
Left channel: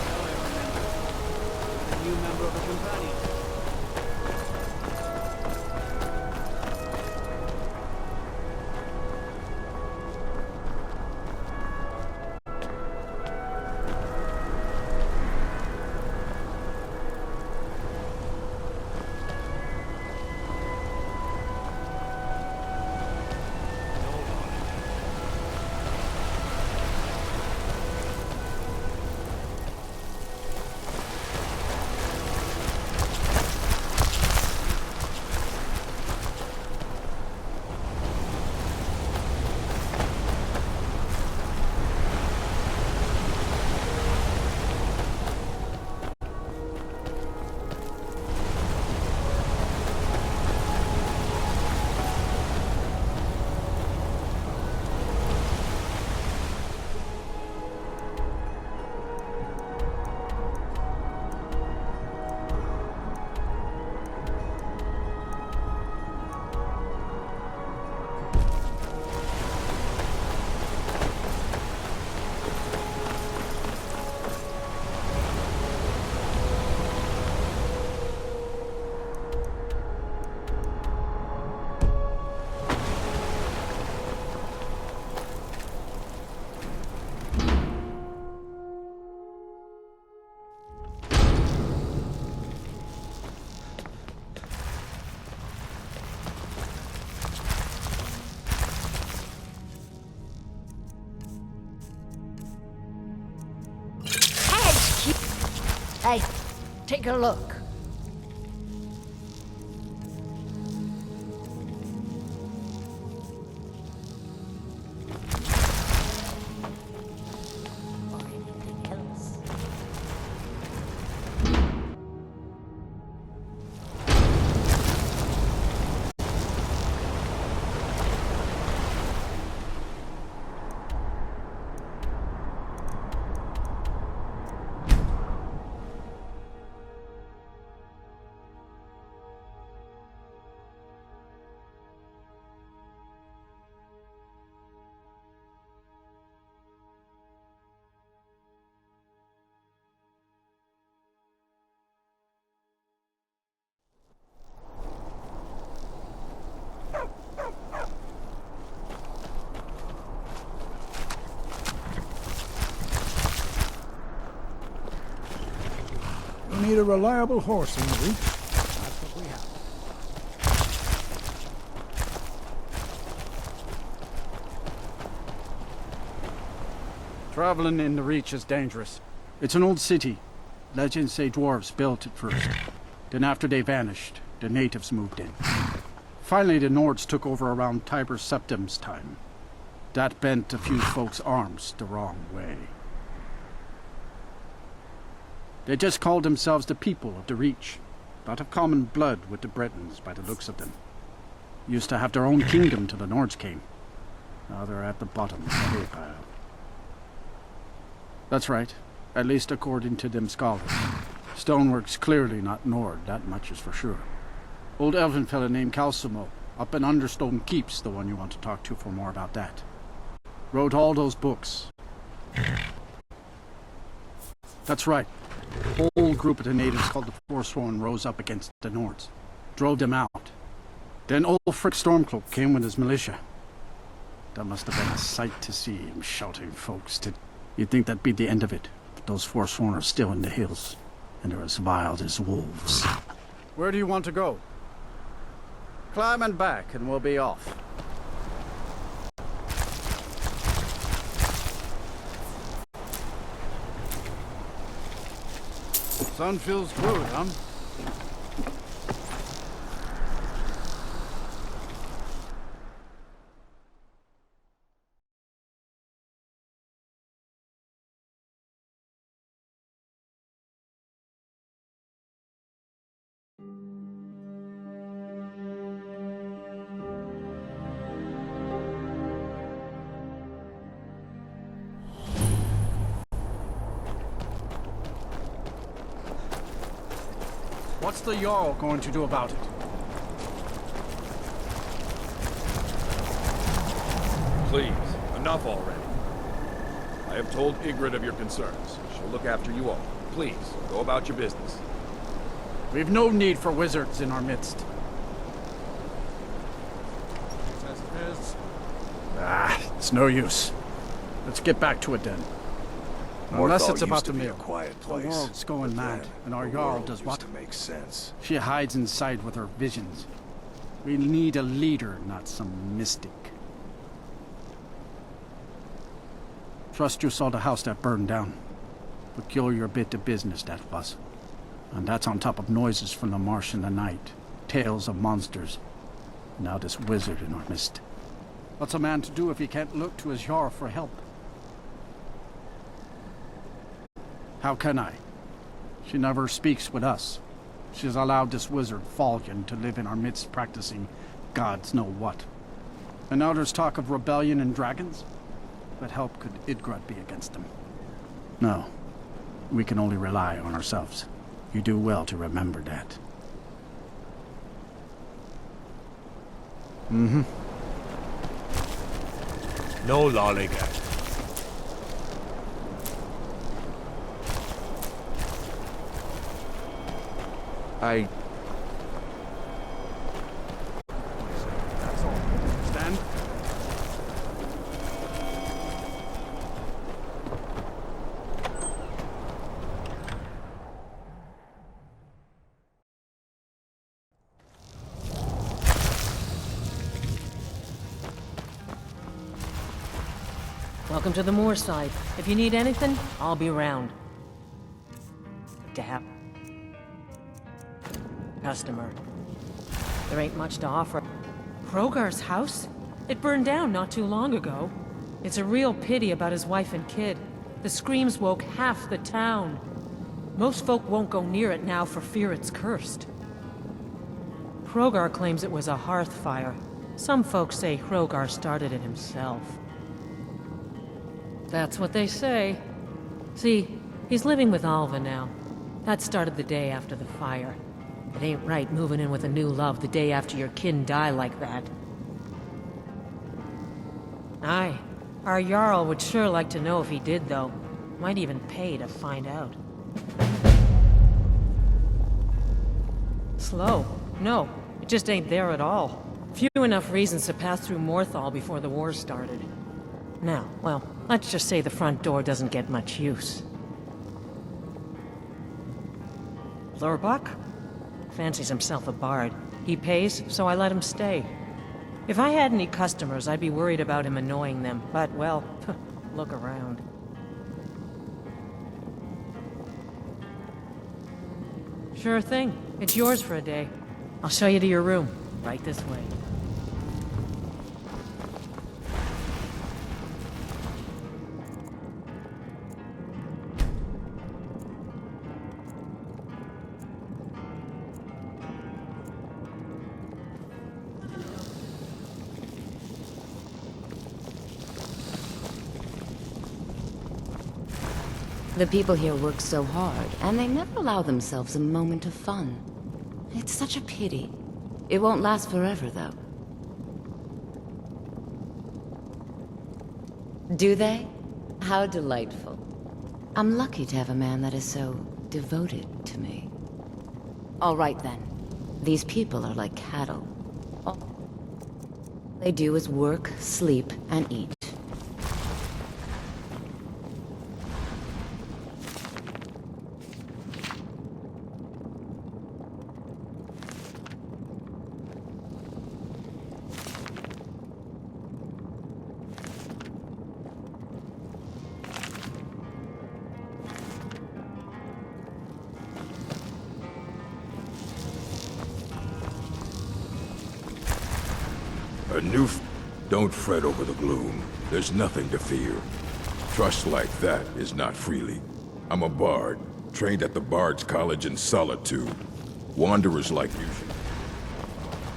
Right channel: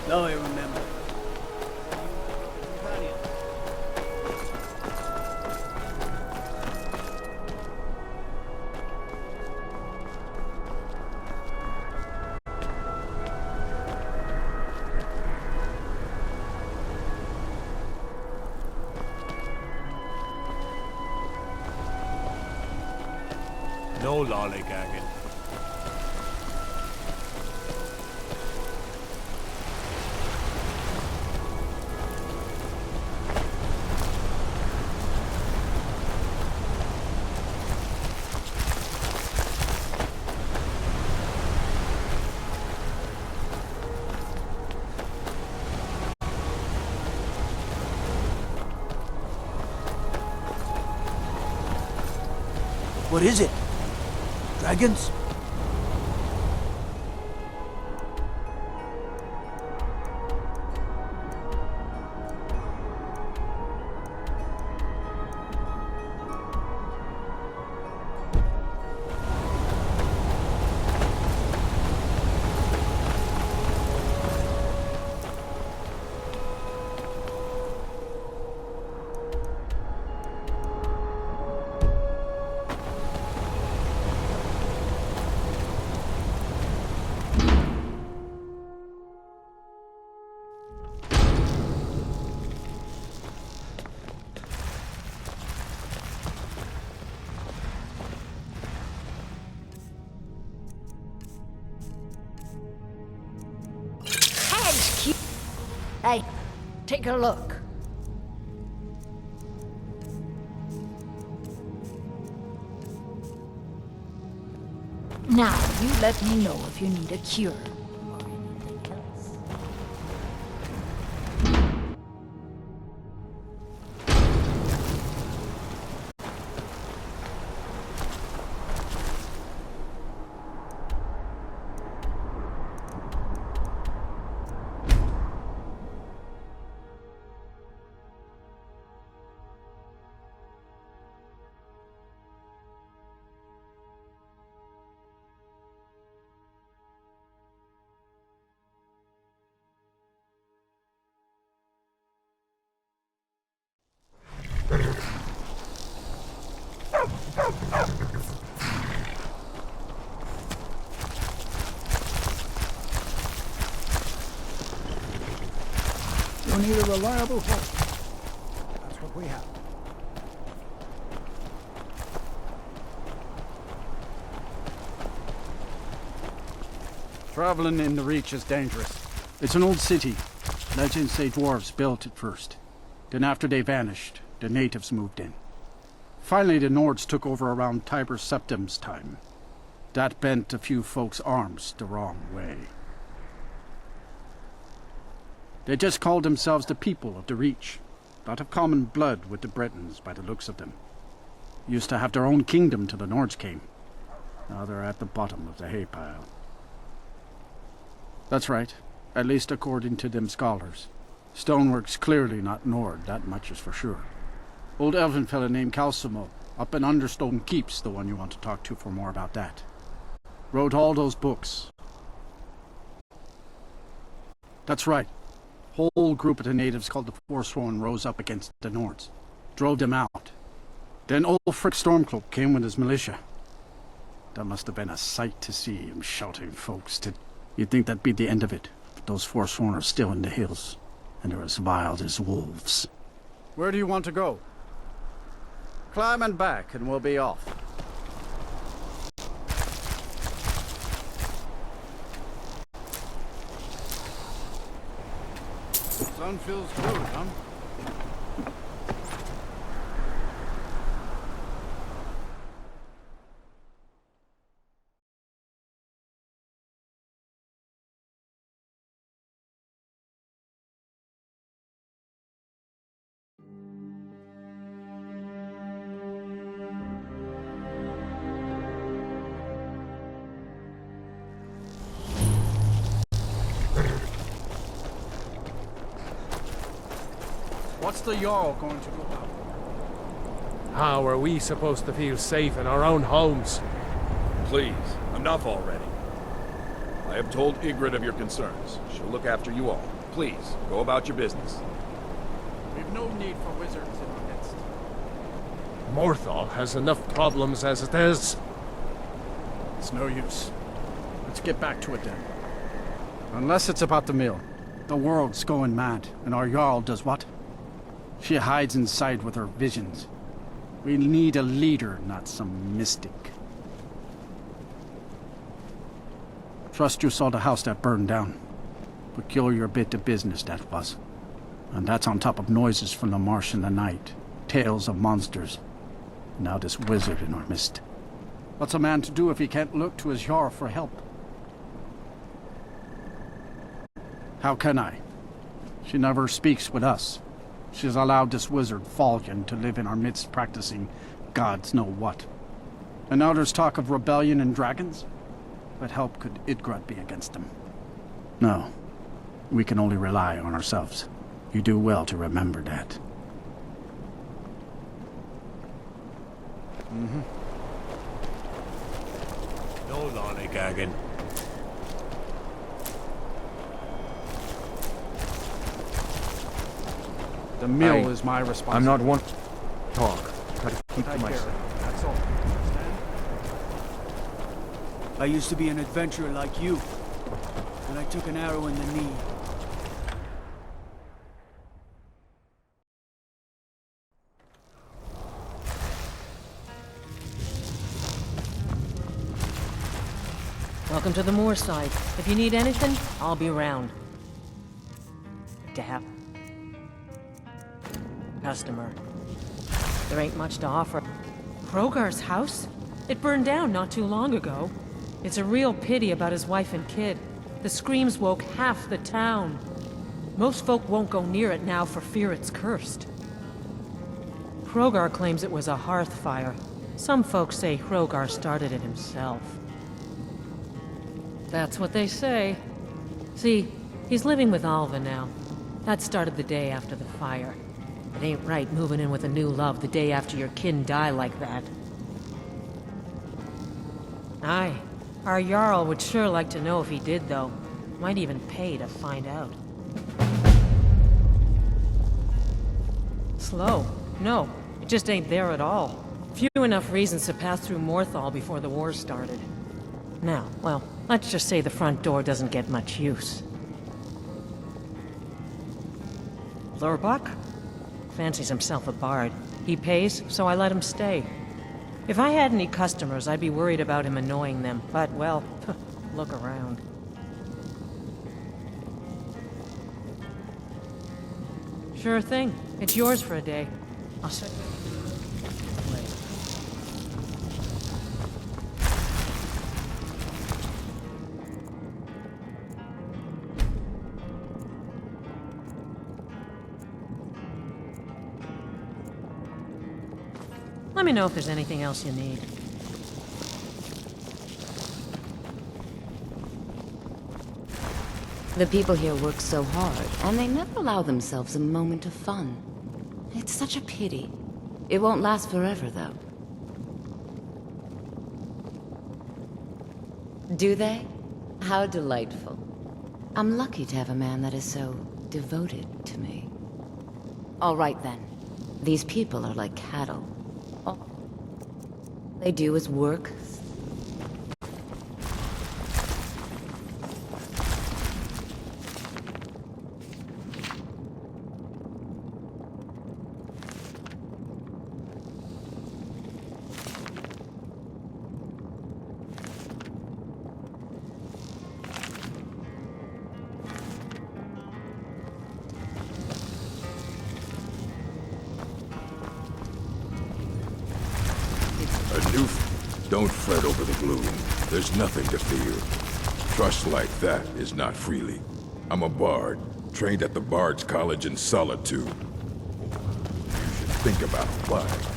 Now I remember. You're the new member of the companion. No lollygagging. What is it? Dragons? Hey, take a look. Now, you let me know if you need a cure or anything else. You need a reliable horse, Henry. That's what we have. Traveling in the Reach is dangerous. It's an old city. Legends say dwarves built it first. Then after they vanished, the natives moved in. Finally, the Nords took over around Tiber Septim's time. That bent a few folks' arms the wrong way. They just called themselves the people of the Reach. Lot of common blood with the Bretons by the looks of them. Used to have their own kingdom till the Nords came. Now they're at the bottom of the hay pile. That's right, at least according to them scholars. Stonework's clearly not Nord, that much is for sure. Old elven fella named Calcimo, up in Understone Keep's the one you want to talk to for more about that. Wrote all those books. That's right. Whole group of the natives called the Forsworn rose up against the Nords. Drove them out. Then Ulfric Stormcloak came with his militia. That must have been a sight to see him shouting folks to... You'd think that'd be the end of it, but those Forsworn are still in the hills, and they're as wild as wolves. Where do you want to go? Climb and back, and we'll be off. Sun feels good, huh? What's the Jarl going to do about it? How are we supposed to feel safe in our own homes? Please, enough already. I have told Ygritte of your concerns. She'll look after you all. Please, go about your business. We've no need for wizards in our midst. Morthal has enough problems as it is. It's no use. Let's get back to it then. Unless it's about the mill. The world's going mad, and our Jarl does what? She hides inside with her visions. We need a leader, not some mystic. Trust you saw the house that burned down. Peculiar bit of business that was. And that's on top of noises from the marsh in the night. Tales of monsters. Now this wizard in our midst. What's a man to do if he can't look to his Jarl for help? How can I? She never speaks with us. She's allowed this wizard Fallion to live in our midst practicing gods know what. And now there's talk of rebellion and dragons? What help could Idgrad be against them? No. We can only rely on ourselves. You do well to remember that. Mm-hmm. No lollygagging. The mill is my responsibility. I'm not one to talk. Try to keep to myself. That's all. Stand. I used to be an adventurer like you, and I took an arrow in the knee. Welcome to the moorside. If you need anything, I'll be around. Dap. Customer. There ain't much to offer. Krogar's house? It burned down not too long ago. It's a real pity about his wife and kid. The screams woke half the town. Most folk won't go near it now for fear it's cursed. Krogar claims it was a hearth fire. Some folks say Krogar started it himself. That's what they say. See, he's living with Alva now. That started the day after the fire. It ain't right moving in with a new love the day after your kin die like that. Aye. Our Jarl would sure like to know if he did, though. Might even pay to find out. Slow? No, it just ain't there at all. Few enough reasons to pass through Morthal before the war started. Now, well, let's just say the front door doesn't get much use. Lurbach? Fancies himself a bard. He pays, so I let him stay. If I had any customers, I'd be worried about him annoying them, but, well, look around. Sure thing. It's yours for a day. I'll show you to your room. Right this way. Let me know if there's anything else you need. The people here work so hard, and they never allow themselves a moment of fun. It's such a pity. It won't last forever, though. Do they? How delightful. I'm lucky to have a man that is so devoted to me. All right, then. These people are like cattle. All they do is work, sleep, and eat. Don't fret over the gloom. There's nothing to fear. Trust like that is not freely. I'm a bard, trained at the Bard's College in Solitude. Wanderers like you should think about life.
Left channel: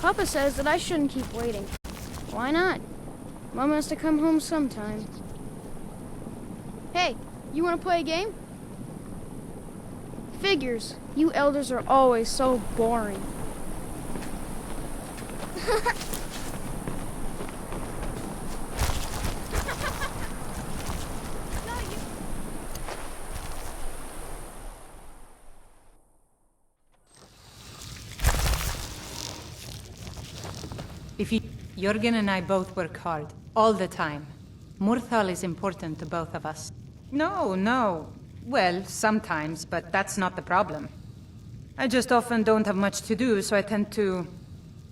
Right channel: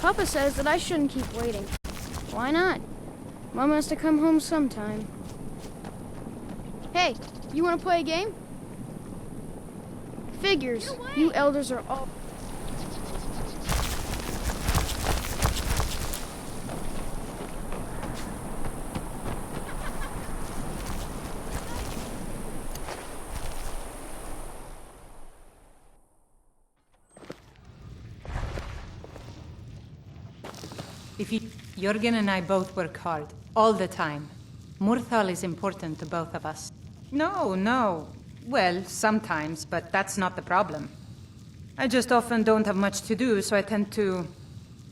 Papa says that I shouldn't keep waiting. Why not? Mom has to come home sometime. Hey, you want to play a game? Figures. You elders are always so boring. Jürgen and I both work hard, all the time. Morthal is important to both of us. No. Well, sometimes, but that's not the problem. I just often don't have much to do, so I tend to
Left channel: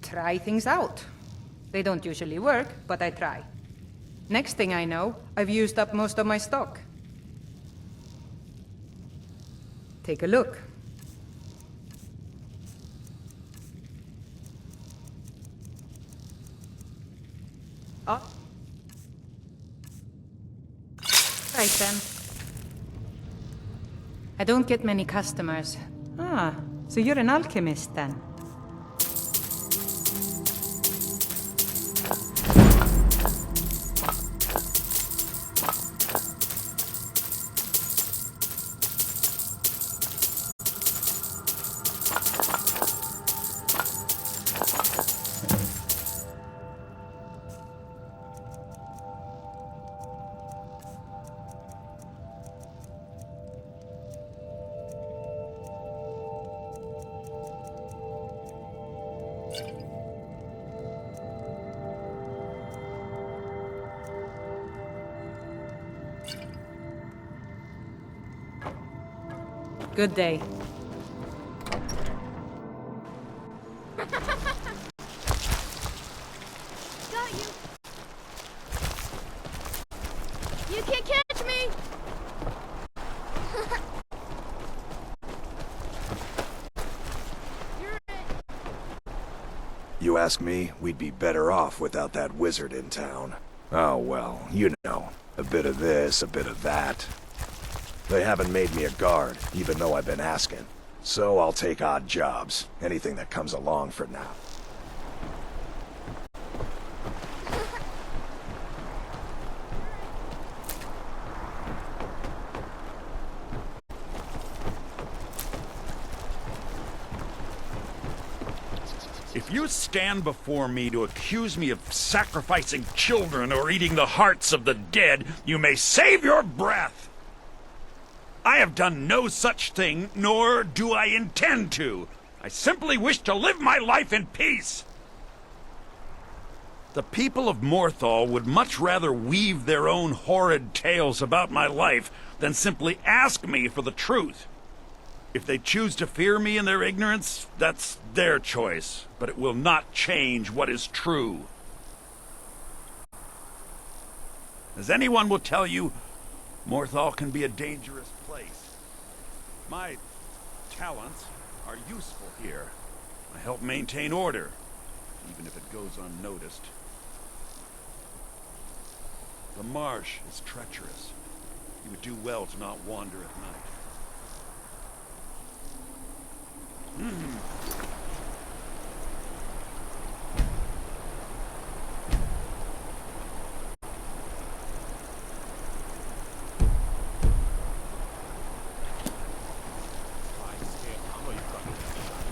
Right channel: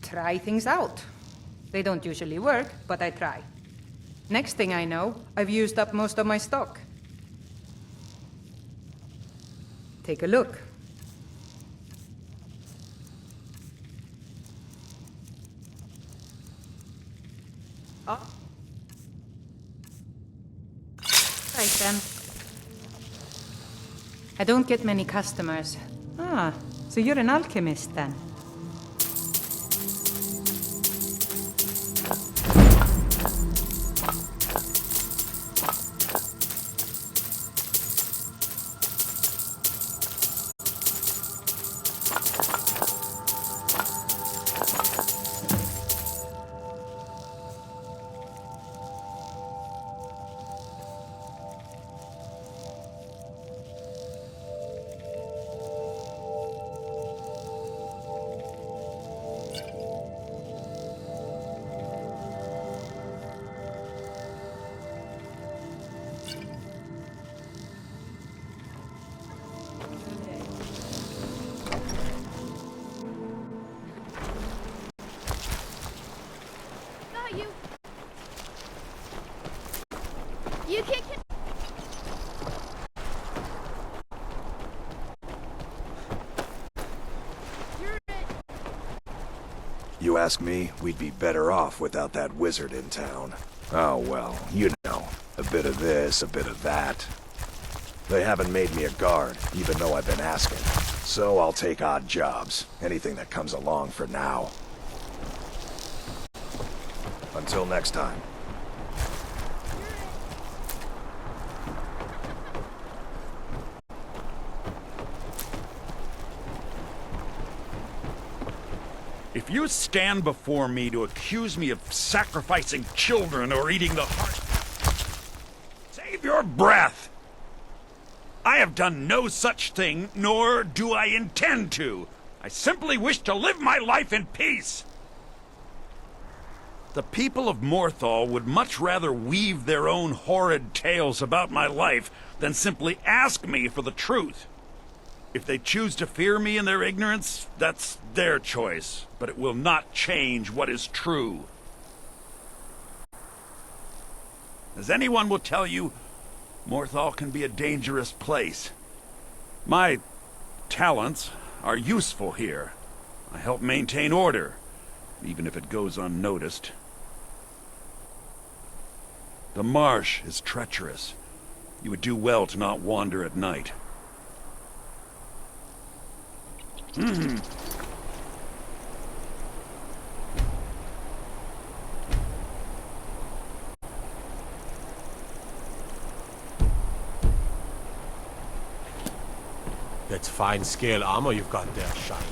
try things out. They don't usually work, but I try. Next thing I know, I've used up most of my stock. Take a look. Oh. Right then. I don't get many customers. Ah, so you're an alchemist then? Good day. Got you. You can't catch me. You're it. You ask me, we'd be better off without that wizard in town. Oh well, you know, a bit of this, a bit of that. They haven't made me a guard, even though I've been asking. So I'll take odd jobs, anything that comes along for now. Until next time. If you stand before me to accuse me of sacrificing children or eating the hearts of the dead, you may save your breath! I have done no such thing, nor do I intend to. I simply wish to live my life in peace. The people of Morthal would much rather weave their own horrid tales about my life than simply ask me for the truth. If they choose to fear me in their ignorance, that's their choice, but it will not change what is true. As anyone will tell you, Morthal can be a dangerous place. My talents are useful here. I help maintain order, even if it goes unnoticed. The marsh is treacherous. You would do well to not wander at night. That's fine scale armor you've got there, Shiny.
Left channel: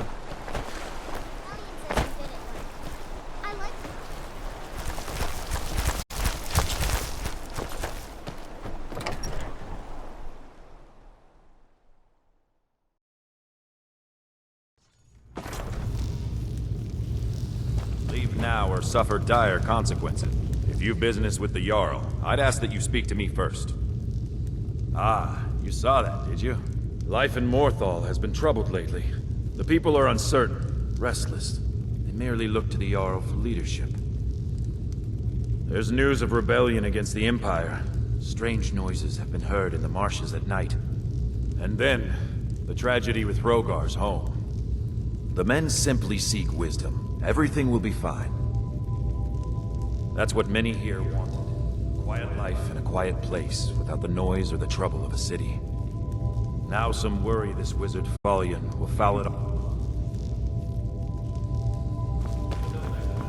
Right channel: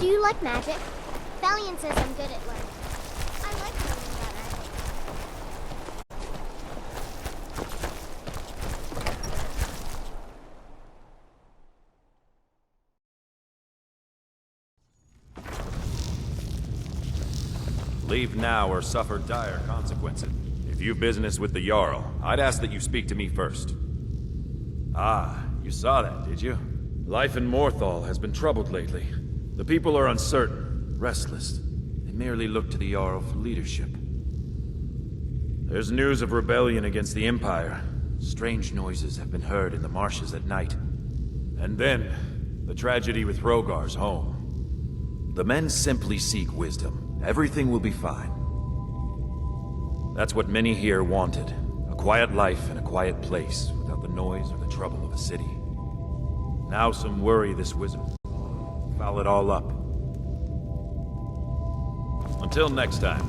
Do you like magic? Valiant says I'm good at learning. I like learning better. Leave now or suffer dire consequences. If you've business with the Jarl, I'd ask that you speak to me first. Ah, you saw that, did you? Life in Morthal has been troubled lately. The people are uncertain, restless. They merely look to the Jarl for leadership. There's news of rebellion against the Empire. Strange noises have been heard in the marshes at night. And then, the tragedy with Hrogar's home. The men simply seek wisdom. Everything will be fine. That's what many here wanted. A quiet life in a quiet place, without the noise or the trouble of a city. Now some worry this wizard Fallion will foul it all up. Until next time.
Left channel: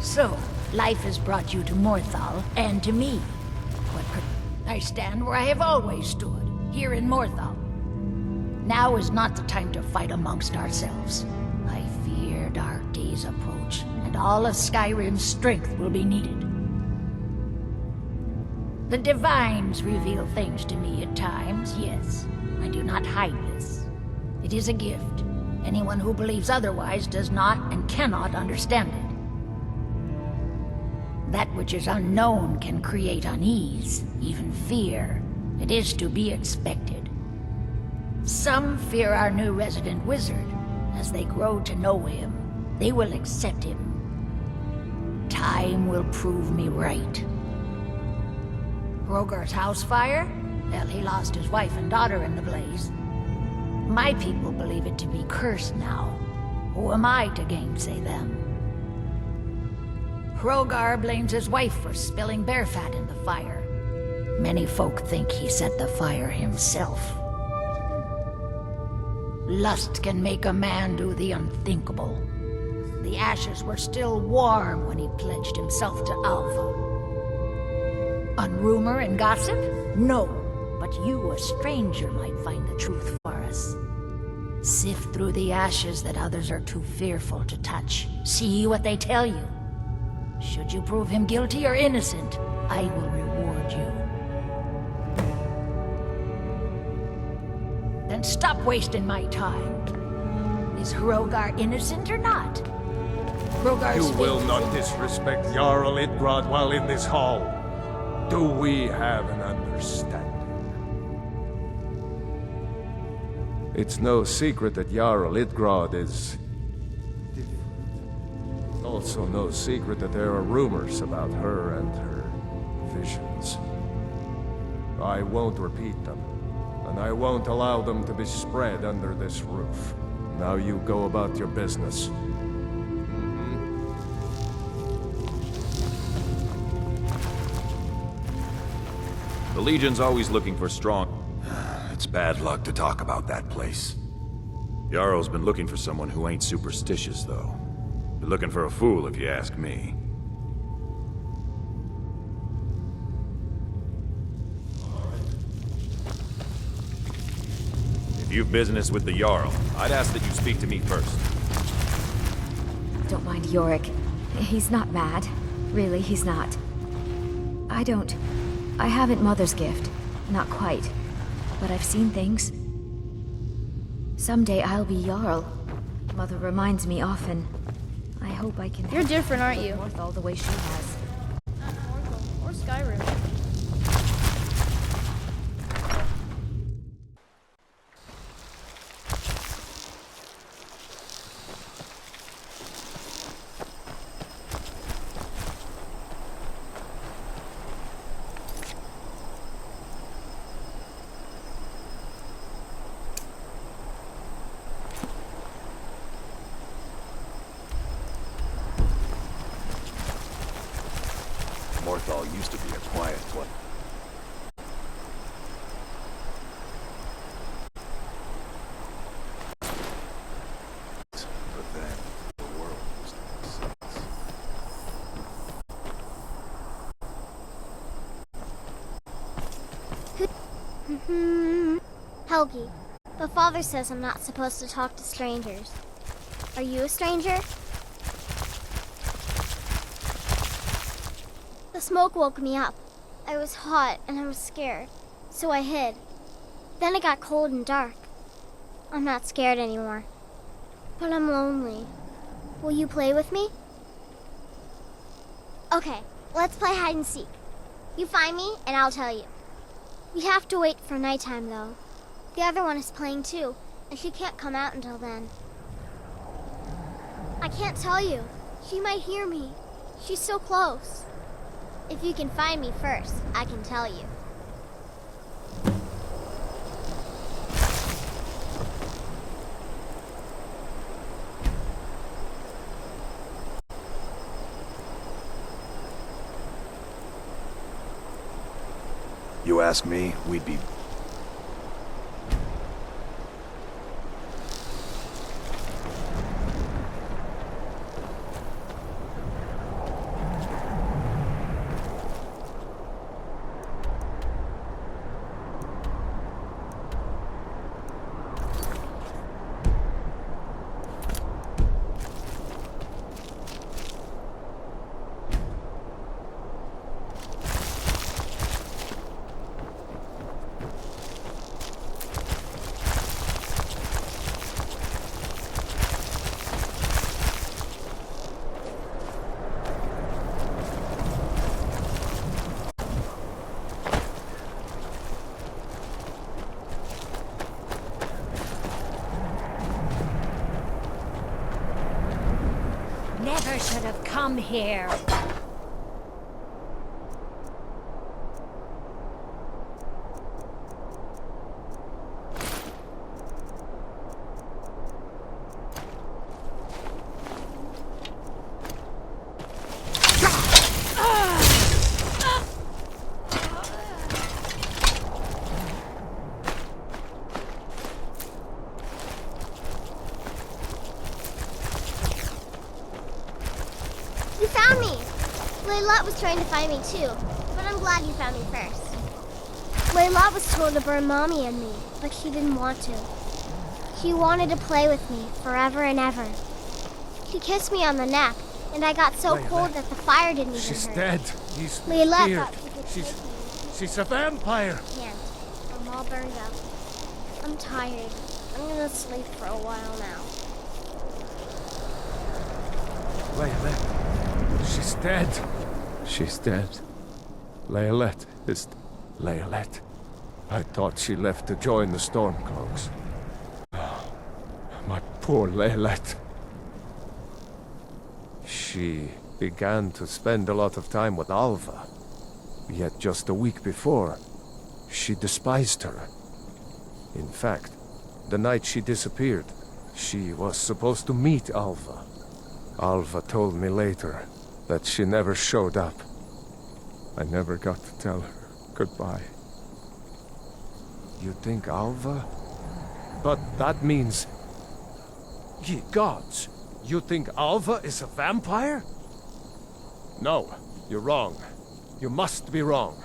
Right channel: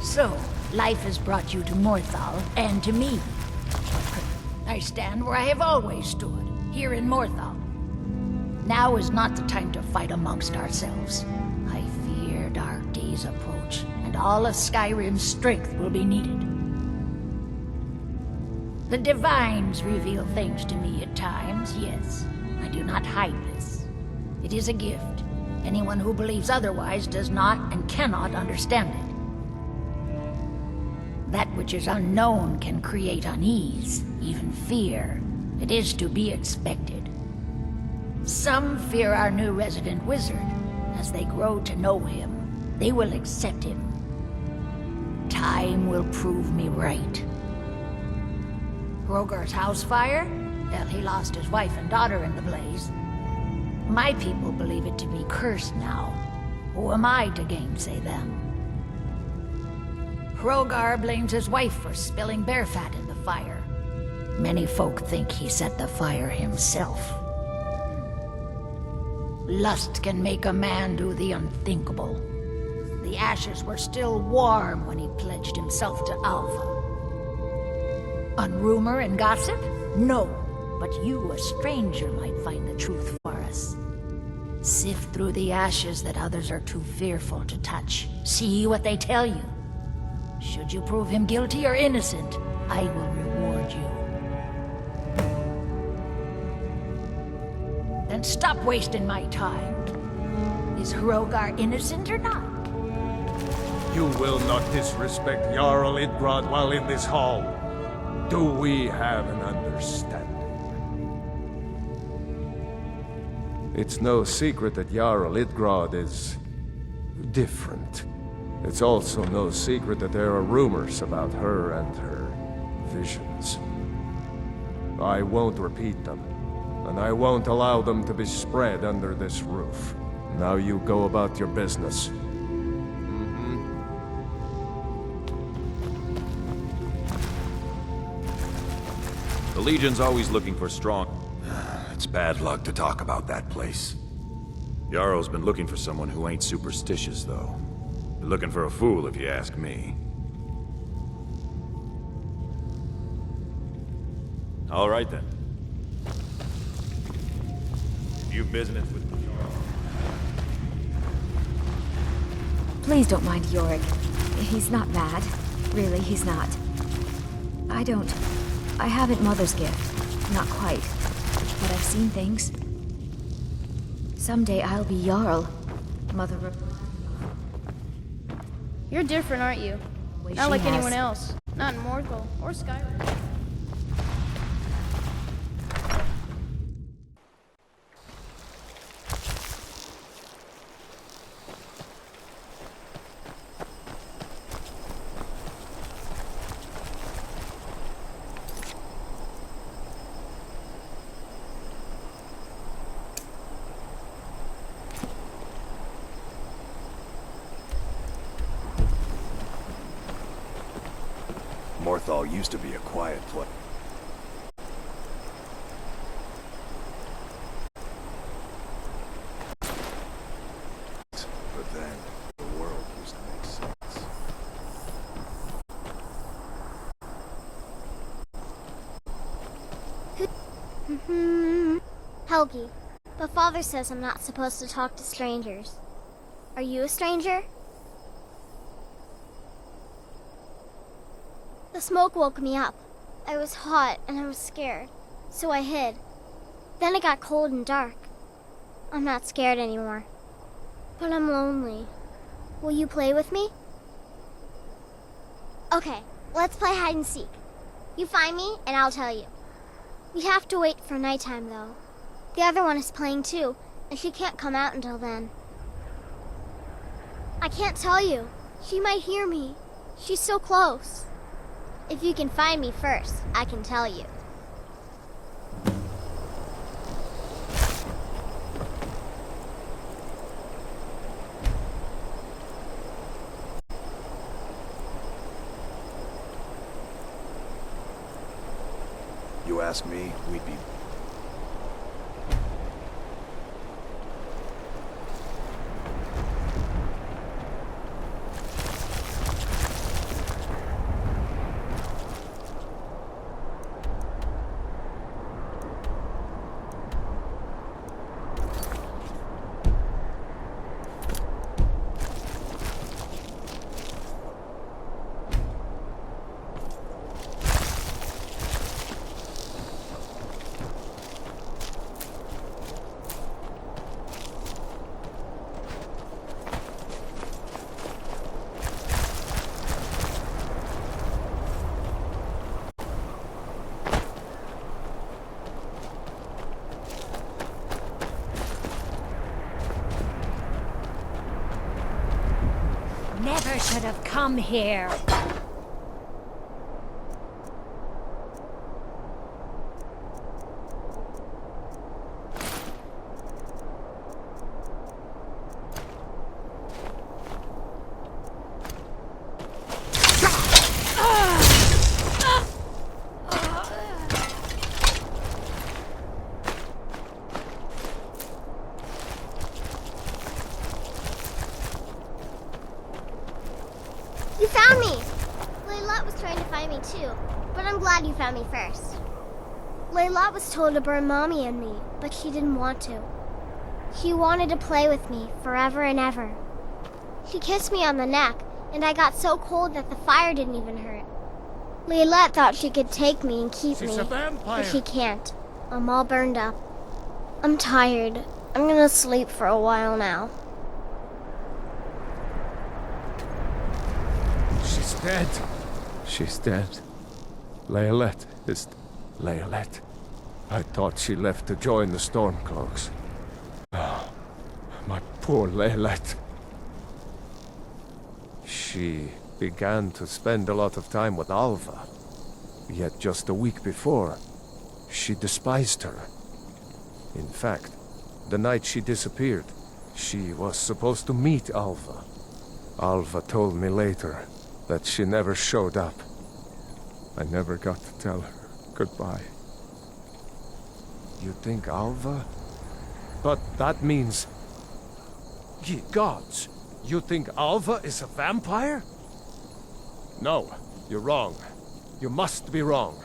So, life has brought you to Morthal, and to me. I stand where I have always stood, here in Morthal. Now is not the time to fight amongst ourselves. I fear dark days approach, and all of Skyrim's strength will be needed. The Divines reveal things to me at times, yes. I do not hide this. It is a gift. Anyone who believes otherwise does not and cannot understand it. That which is unknown can create unease, even fear. It is to be expected. Some fear our new resident wizard. As they grow to know him, they will accept him. Time will prove me right. Hrogar's house fire? Well, he lost his wife and daughter in the blaze. My people believe it to be cursed now. Who am I to gainsay them? Hrogar blames his wife for spilling bear fat in the fire. Many folk think he set the fire himself. Lust can make a man do the unthinkable. The ashes were still warm when he pledged himself to Alpha. On rumor and gossip? No, but you, a stranger, might find the truth for us. Sift through the ashes that others are too fearful to touch. See what they tell you. Should you prove him guilty or innocent, I will reward you. Then stop wasting my time. Is Hrogar innocent or not? You will not disrespect Jarl Idgrod while in this hall. Do we have an understanding? It's no secret that Jarl Idgrod is different. It's also no secret that there are rumors about her and her visions. I won't repeat them, and I won't allow them to be spread under this roof. Now you go about your business. The Legion's always looking for strong... It's bad luck to talk about that place. Jarl's been looking for someone who ain't superstitious, though. You're looking for a fool, if you ask me. All right, then. If you've business with the Jarl, I'd ask that you speak to me first. Please don't mind Yorick. He's not bad. Really, he's not. I haven't Mother's gift. Not quite. But I've seen things. Someday I'll be Jarl. Mother reminds me often. I hope I can... You're different, aren't you? All the way Not she like has. anyone else. Not in Morthal or Skyrim. Morthal used to be a quiet place. But then, the world used to make sense. Helgi, but Father says I'm not supposed to talk to strangers. Are you a stranger? The smoke woke me up. I was hot and I was scared, so I hid. Then it got cold and dark. I'm not scared anymore, but I'm lonely. Will you play with me? Okay, let's play hide and seek. You find me, and I'll tell you. We have to wait for nighttime, though. The other one is playing too, and she can't come out until then. I can't tell you. She might hear me. She's so close. If you can find me first, I can tell you. You ask me, we'd be... Never should have come here. You found me! Layla was trying to find me too, but I'm glad you found me first. Layla was told to burn Mommy and me, but she didn't want to. She wanted to play with me forever and ever. She kissed me on the neck, and I got so cold that the fire didn't even She's hurt. dead. He's Layla here. thought she could take me and keep me. She's a vampire. But she can't. I'm all burned up. I'm tired. I'm gonna sleep for a while now. She's dead. She's dead. Layalette is... Layalette. I thought she left to join the Stormcloaks. Oh, my poor Layalette. She began to spend a lot of time with Alva. Yet just a week before, she despised her. In fact, the night she disappeared, she was supposed to meet Alva. Alva told me later that she never showed up. I never got to tell her goodbye. You think Alva? But that means... Ye gods! You think Alva is a vampire? No, you're wrong. You must be wrong.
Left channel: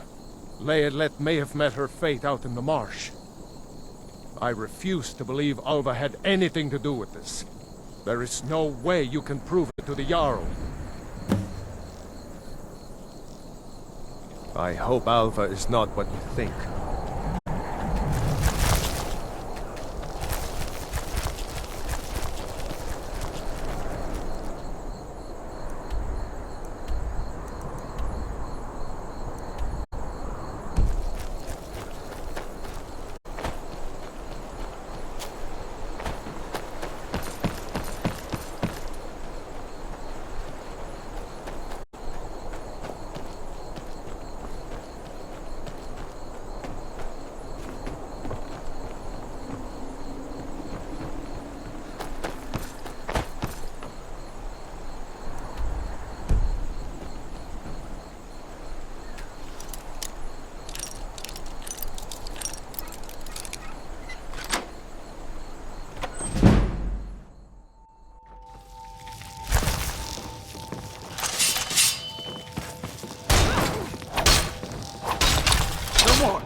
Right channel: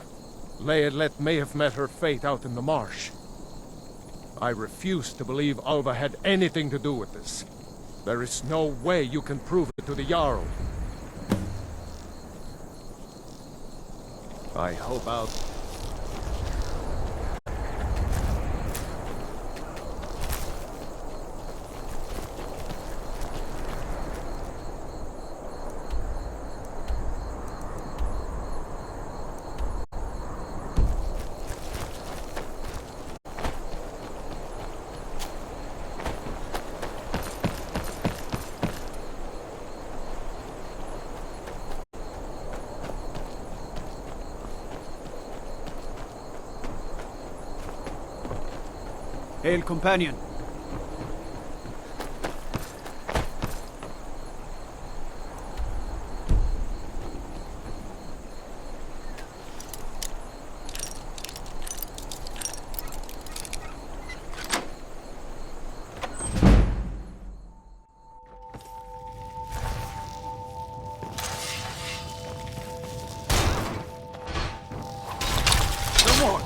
Layalette may have met her fate out in the marsh. I refuse to believe Alva had anything to do with this. There is no way you can prove it to the Jarl. I hope Alva is not what you think. Hail, companion. No more!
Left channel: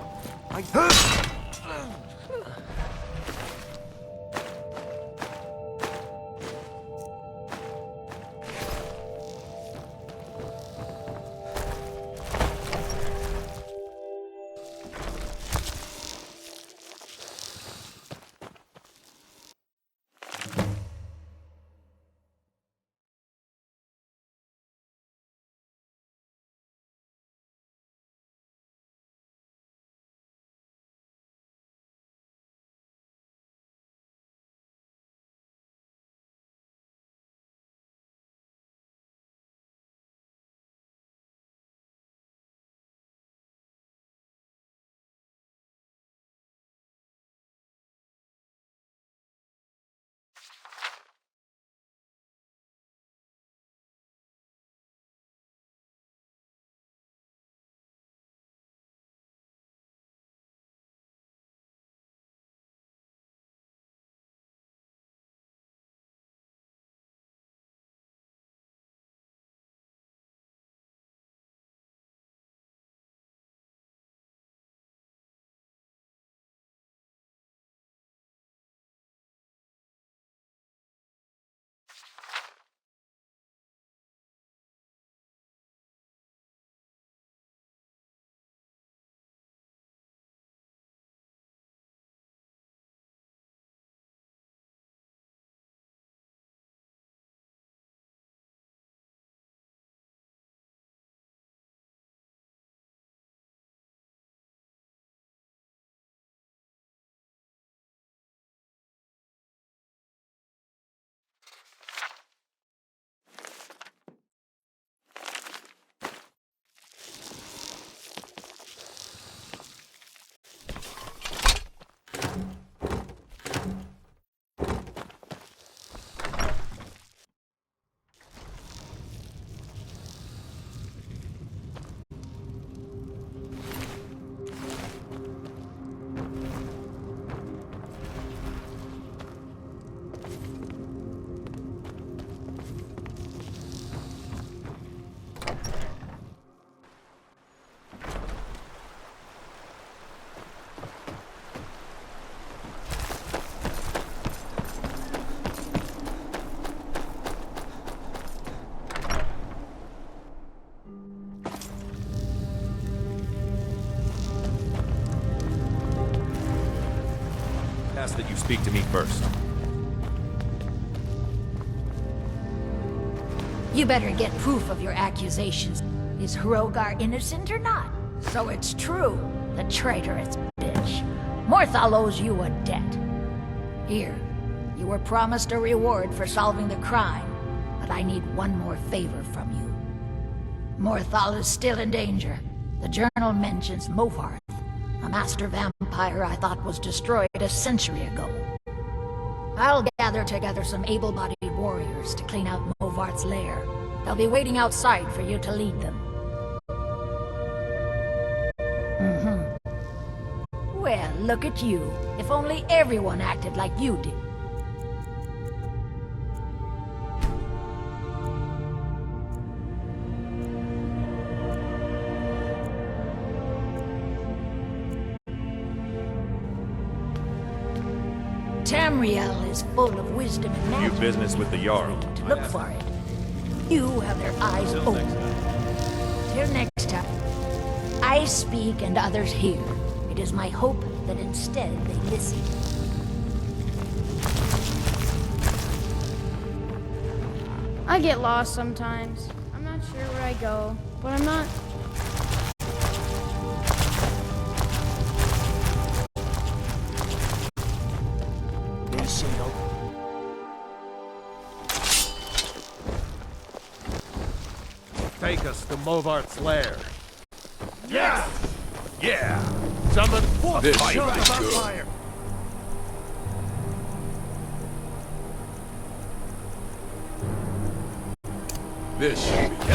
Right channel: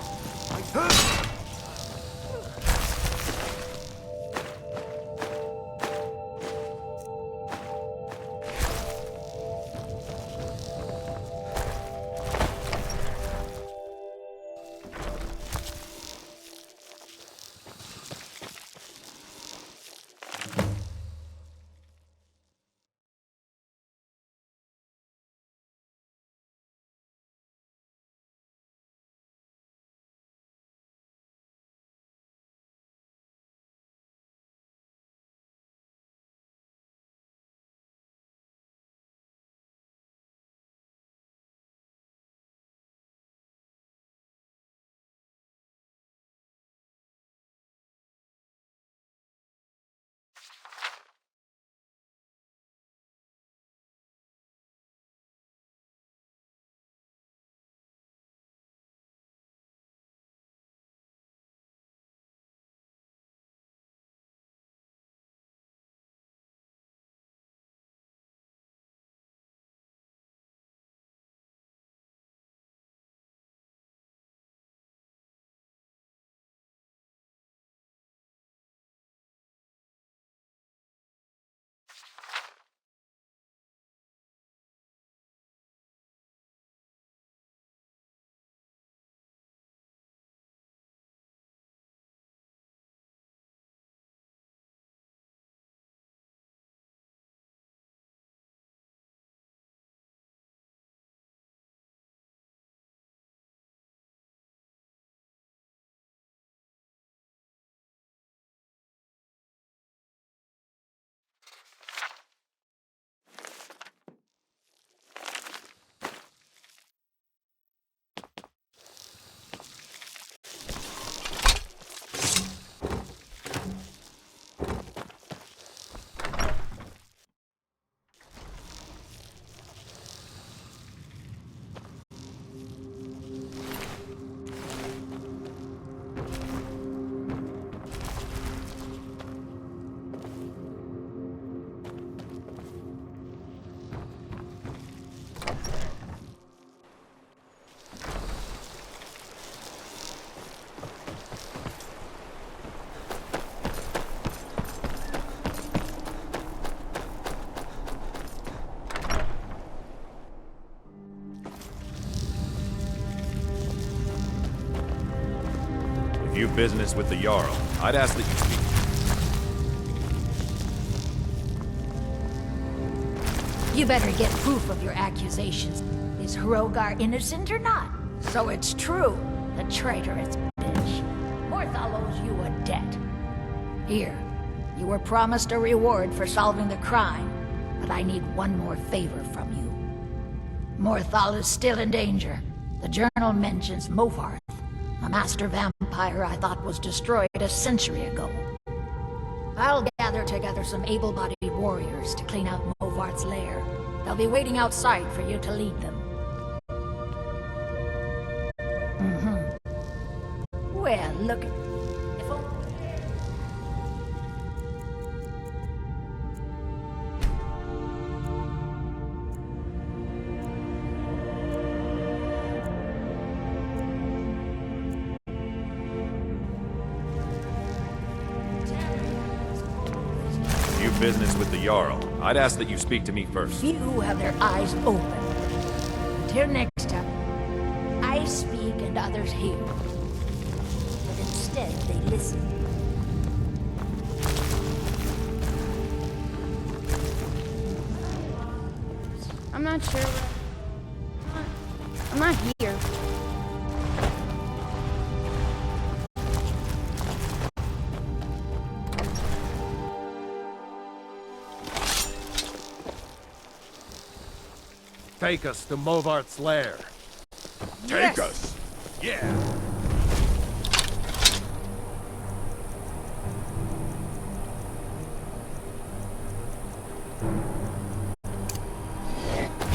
business with the Jarl, I'd ask that you speak to me first. You better get proof of your accusations. Is Hrogar innocent or not? So it's true, the traitorous bitch. Morthal owes you a debt. Here, you were promised a reward for solving the crime, but I need one more favor from you. Morthal is still in danger. The journal mentions Movarth, a master vampire I thought was destroyed a century ago. I'll gather together some able-bodied warriors to clean out Movarth's lair. They'll be waiting outside for you to lead them. Well, look at you. If only everyone acted like you did. Tamriel is full of wisdom. If you've business with the Jarl, I'd ask that you speak to me first. Few have their eyes open. Till next time, I speak and others hear. It is my hope that instead they listen. I get lost sometimes. I'm not sure where I go, but I'm not here. Take us to Movarth's lair. Take us! Yeah! Summon forth This fire. should be good. Fire. This should be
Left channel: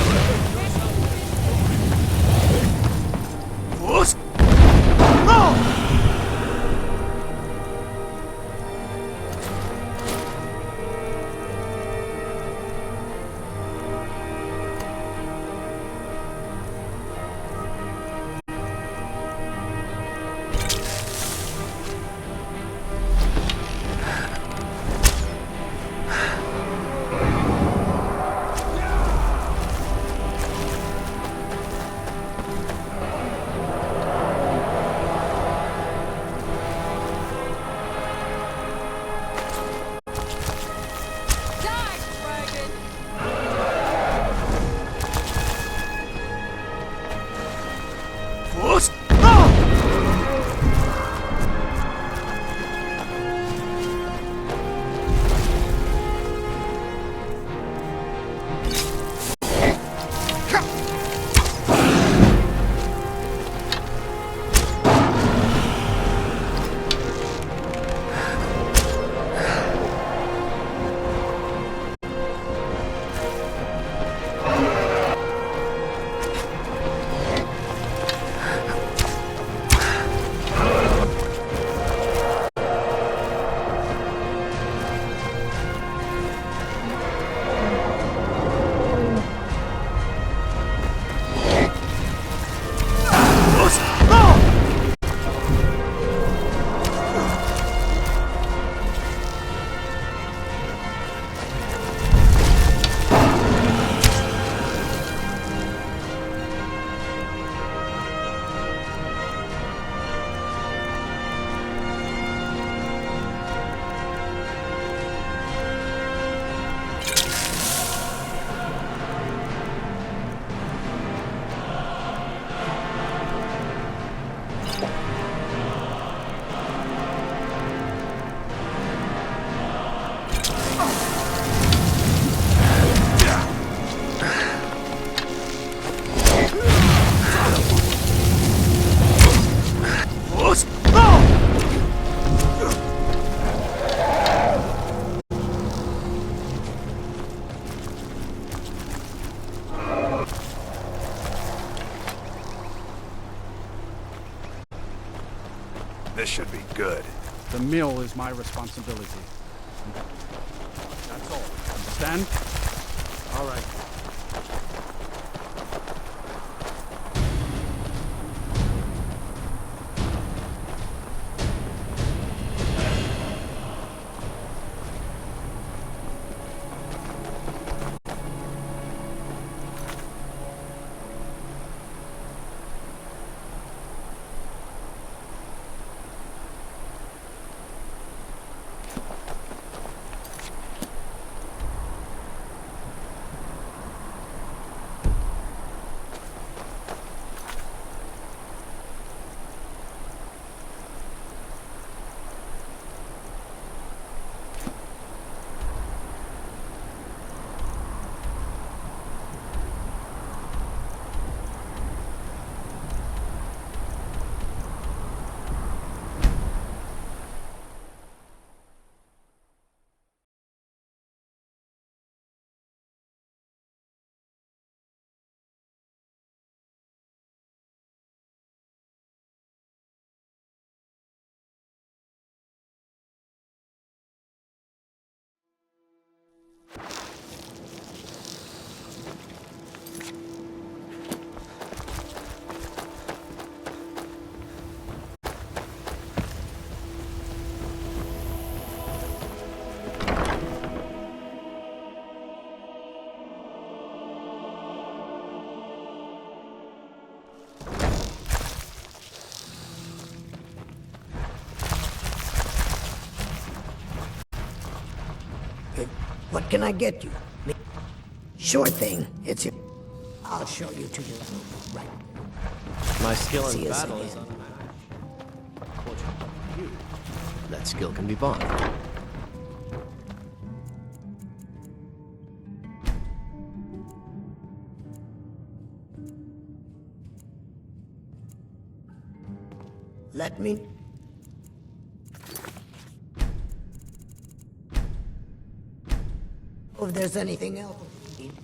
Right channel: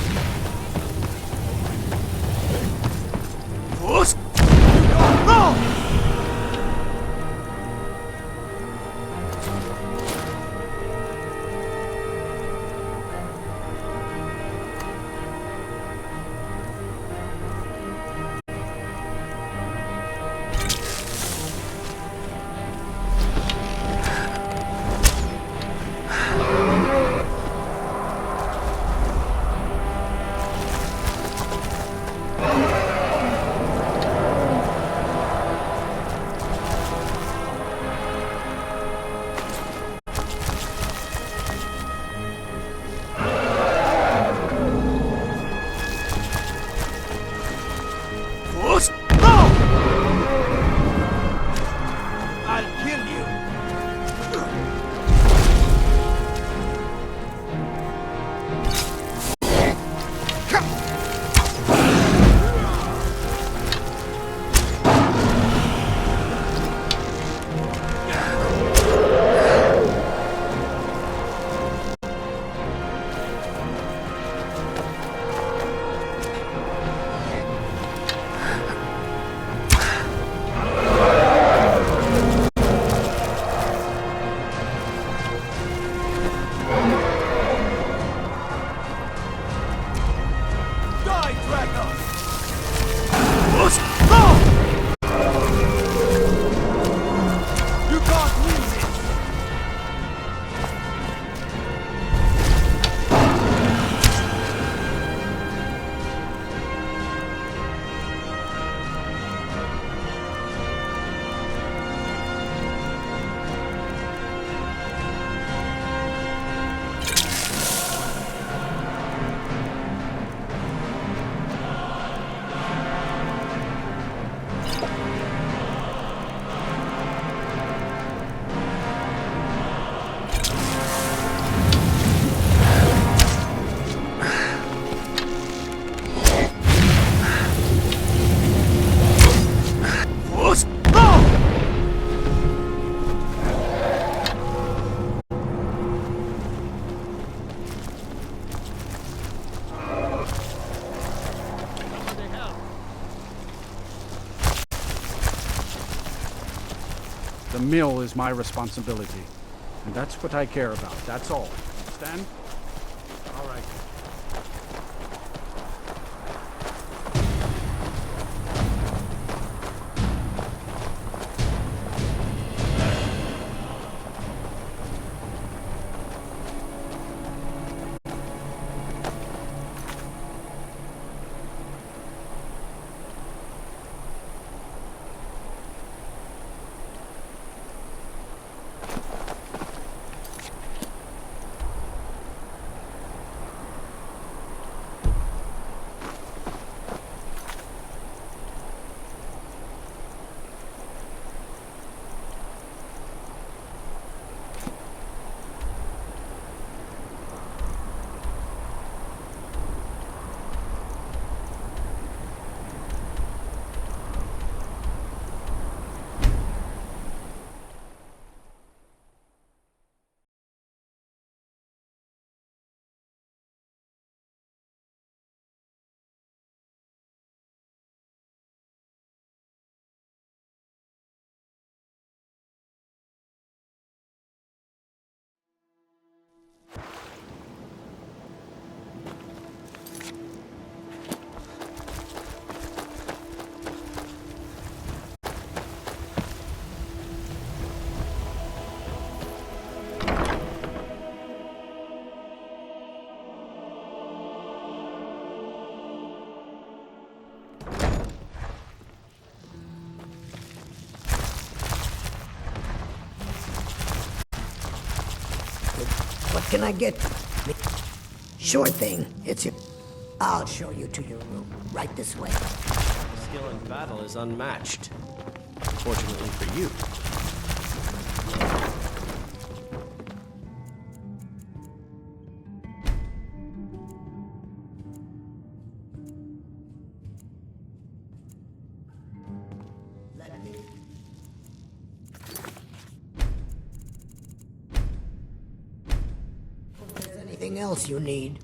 This should be good. The mill is my responsibility. And that's what I care about. That's all. Understand? All right. What can I get you? Sure thing. It's your... I'll show you to your room. Right this way. My skill See in you battle soon. is unmatched. Fortunately for you, that skill can be bought. Let me... If there's anything else you need.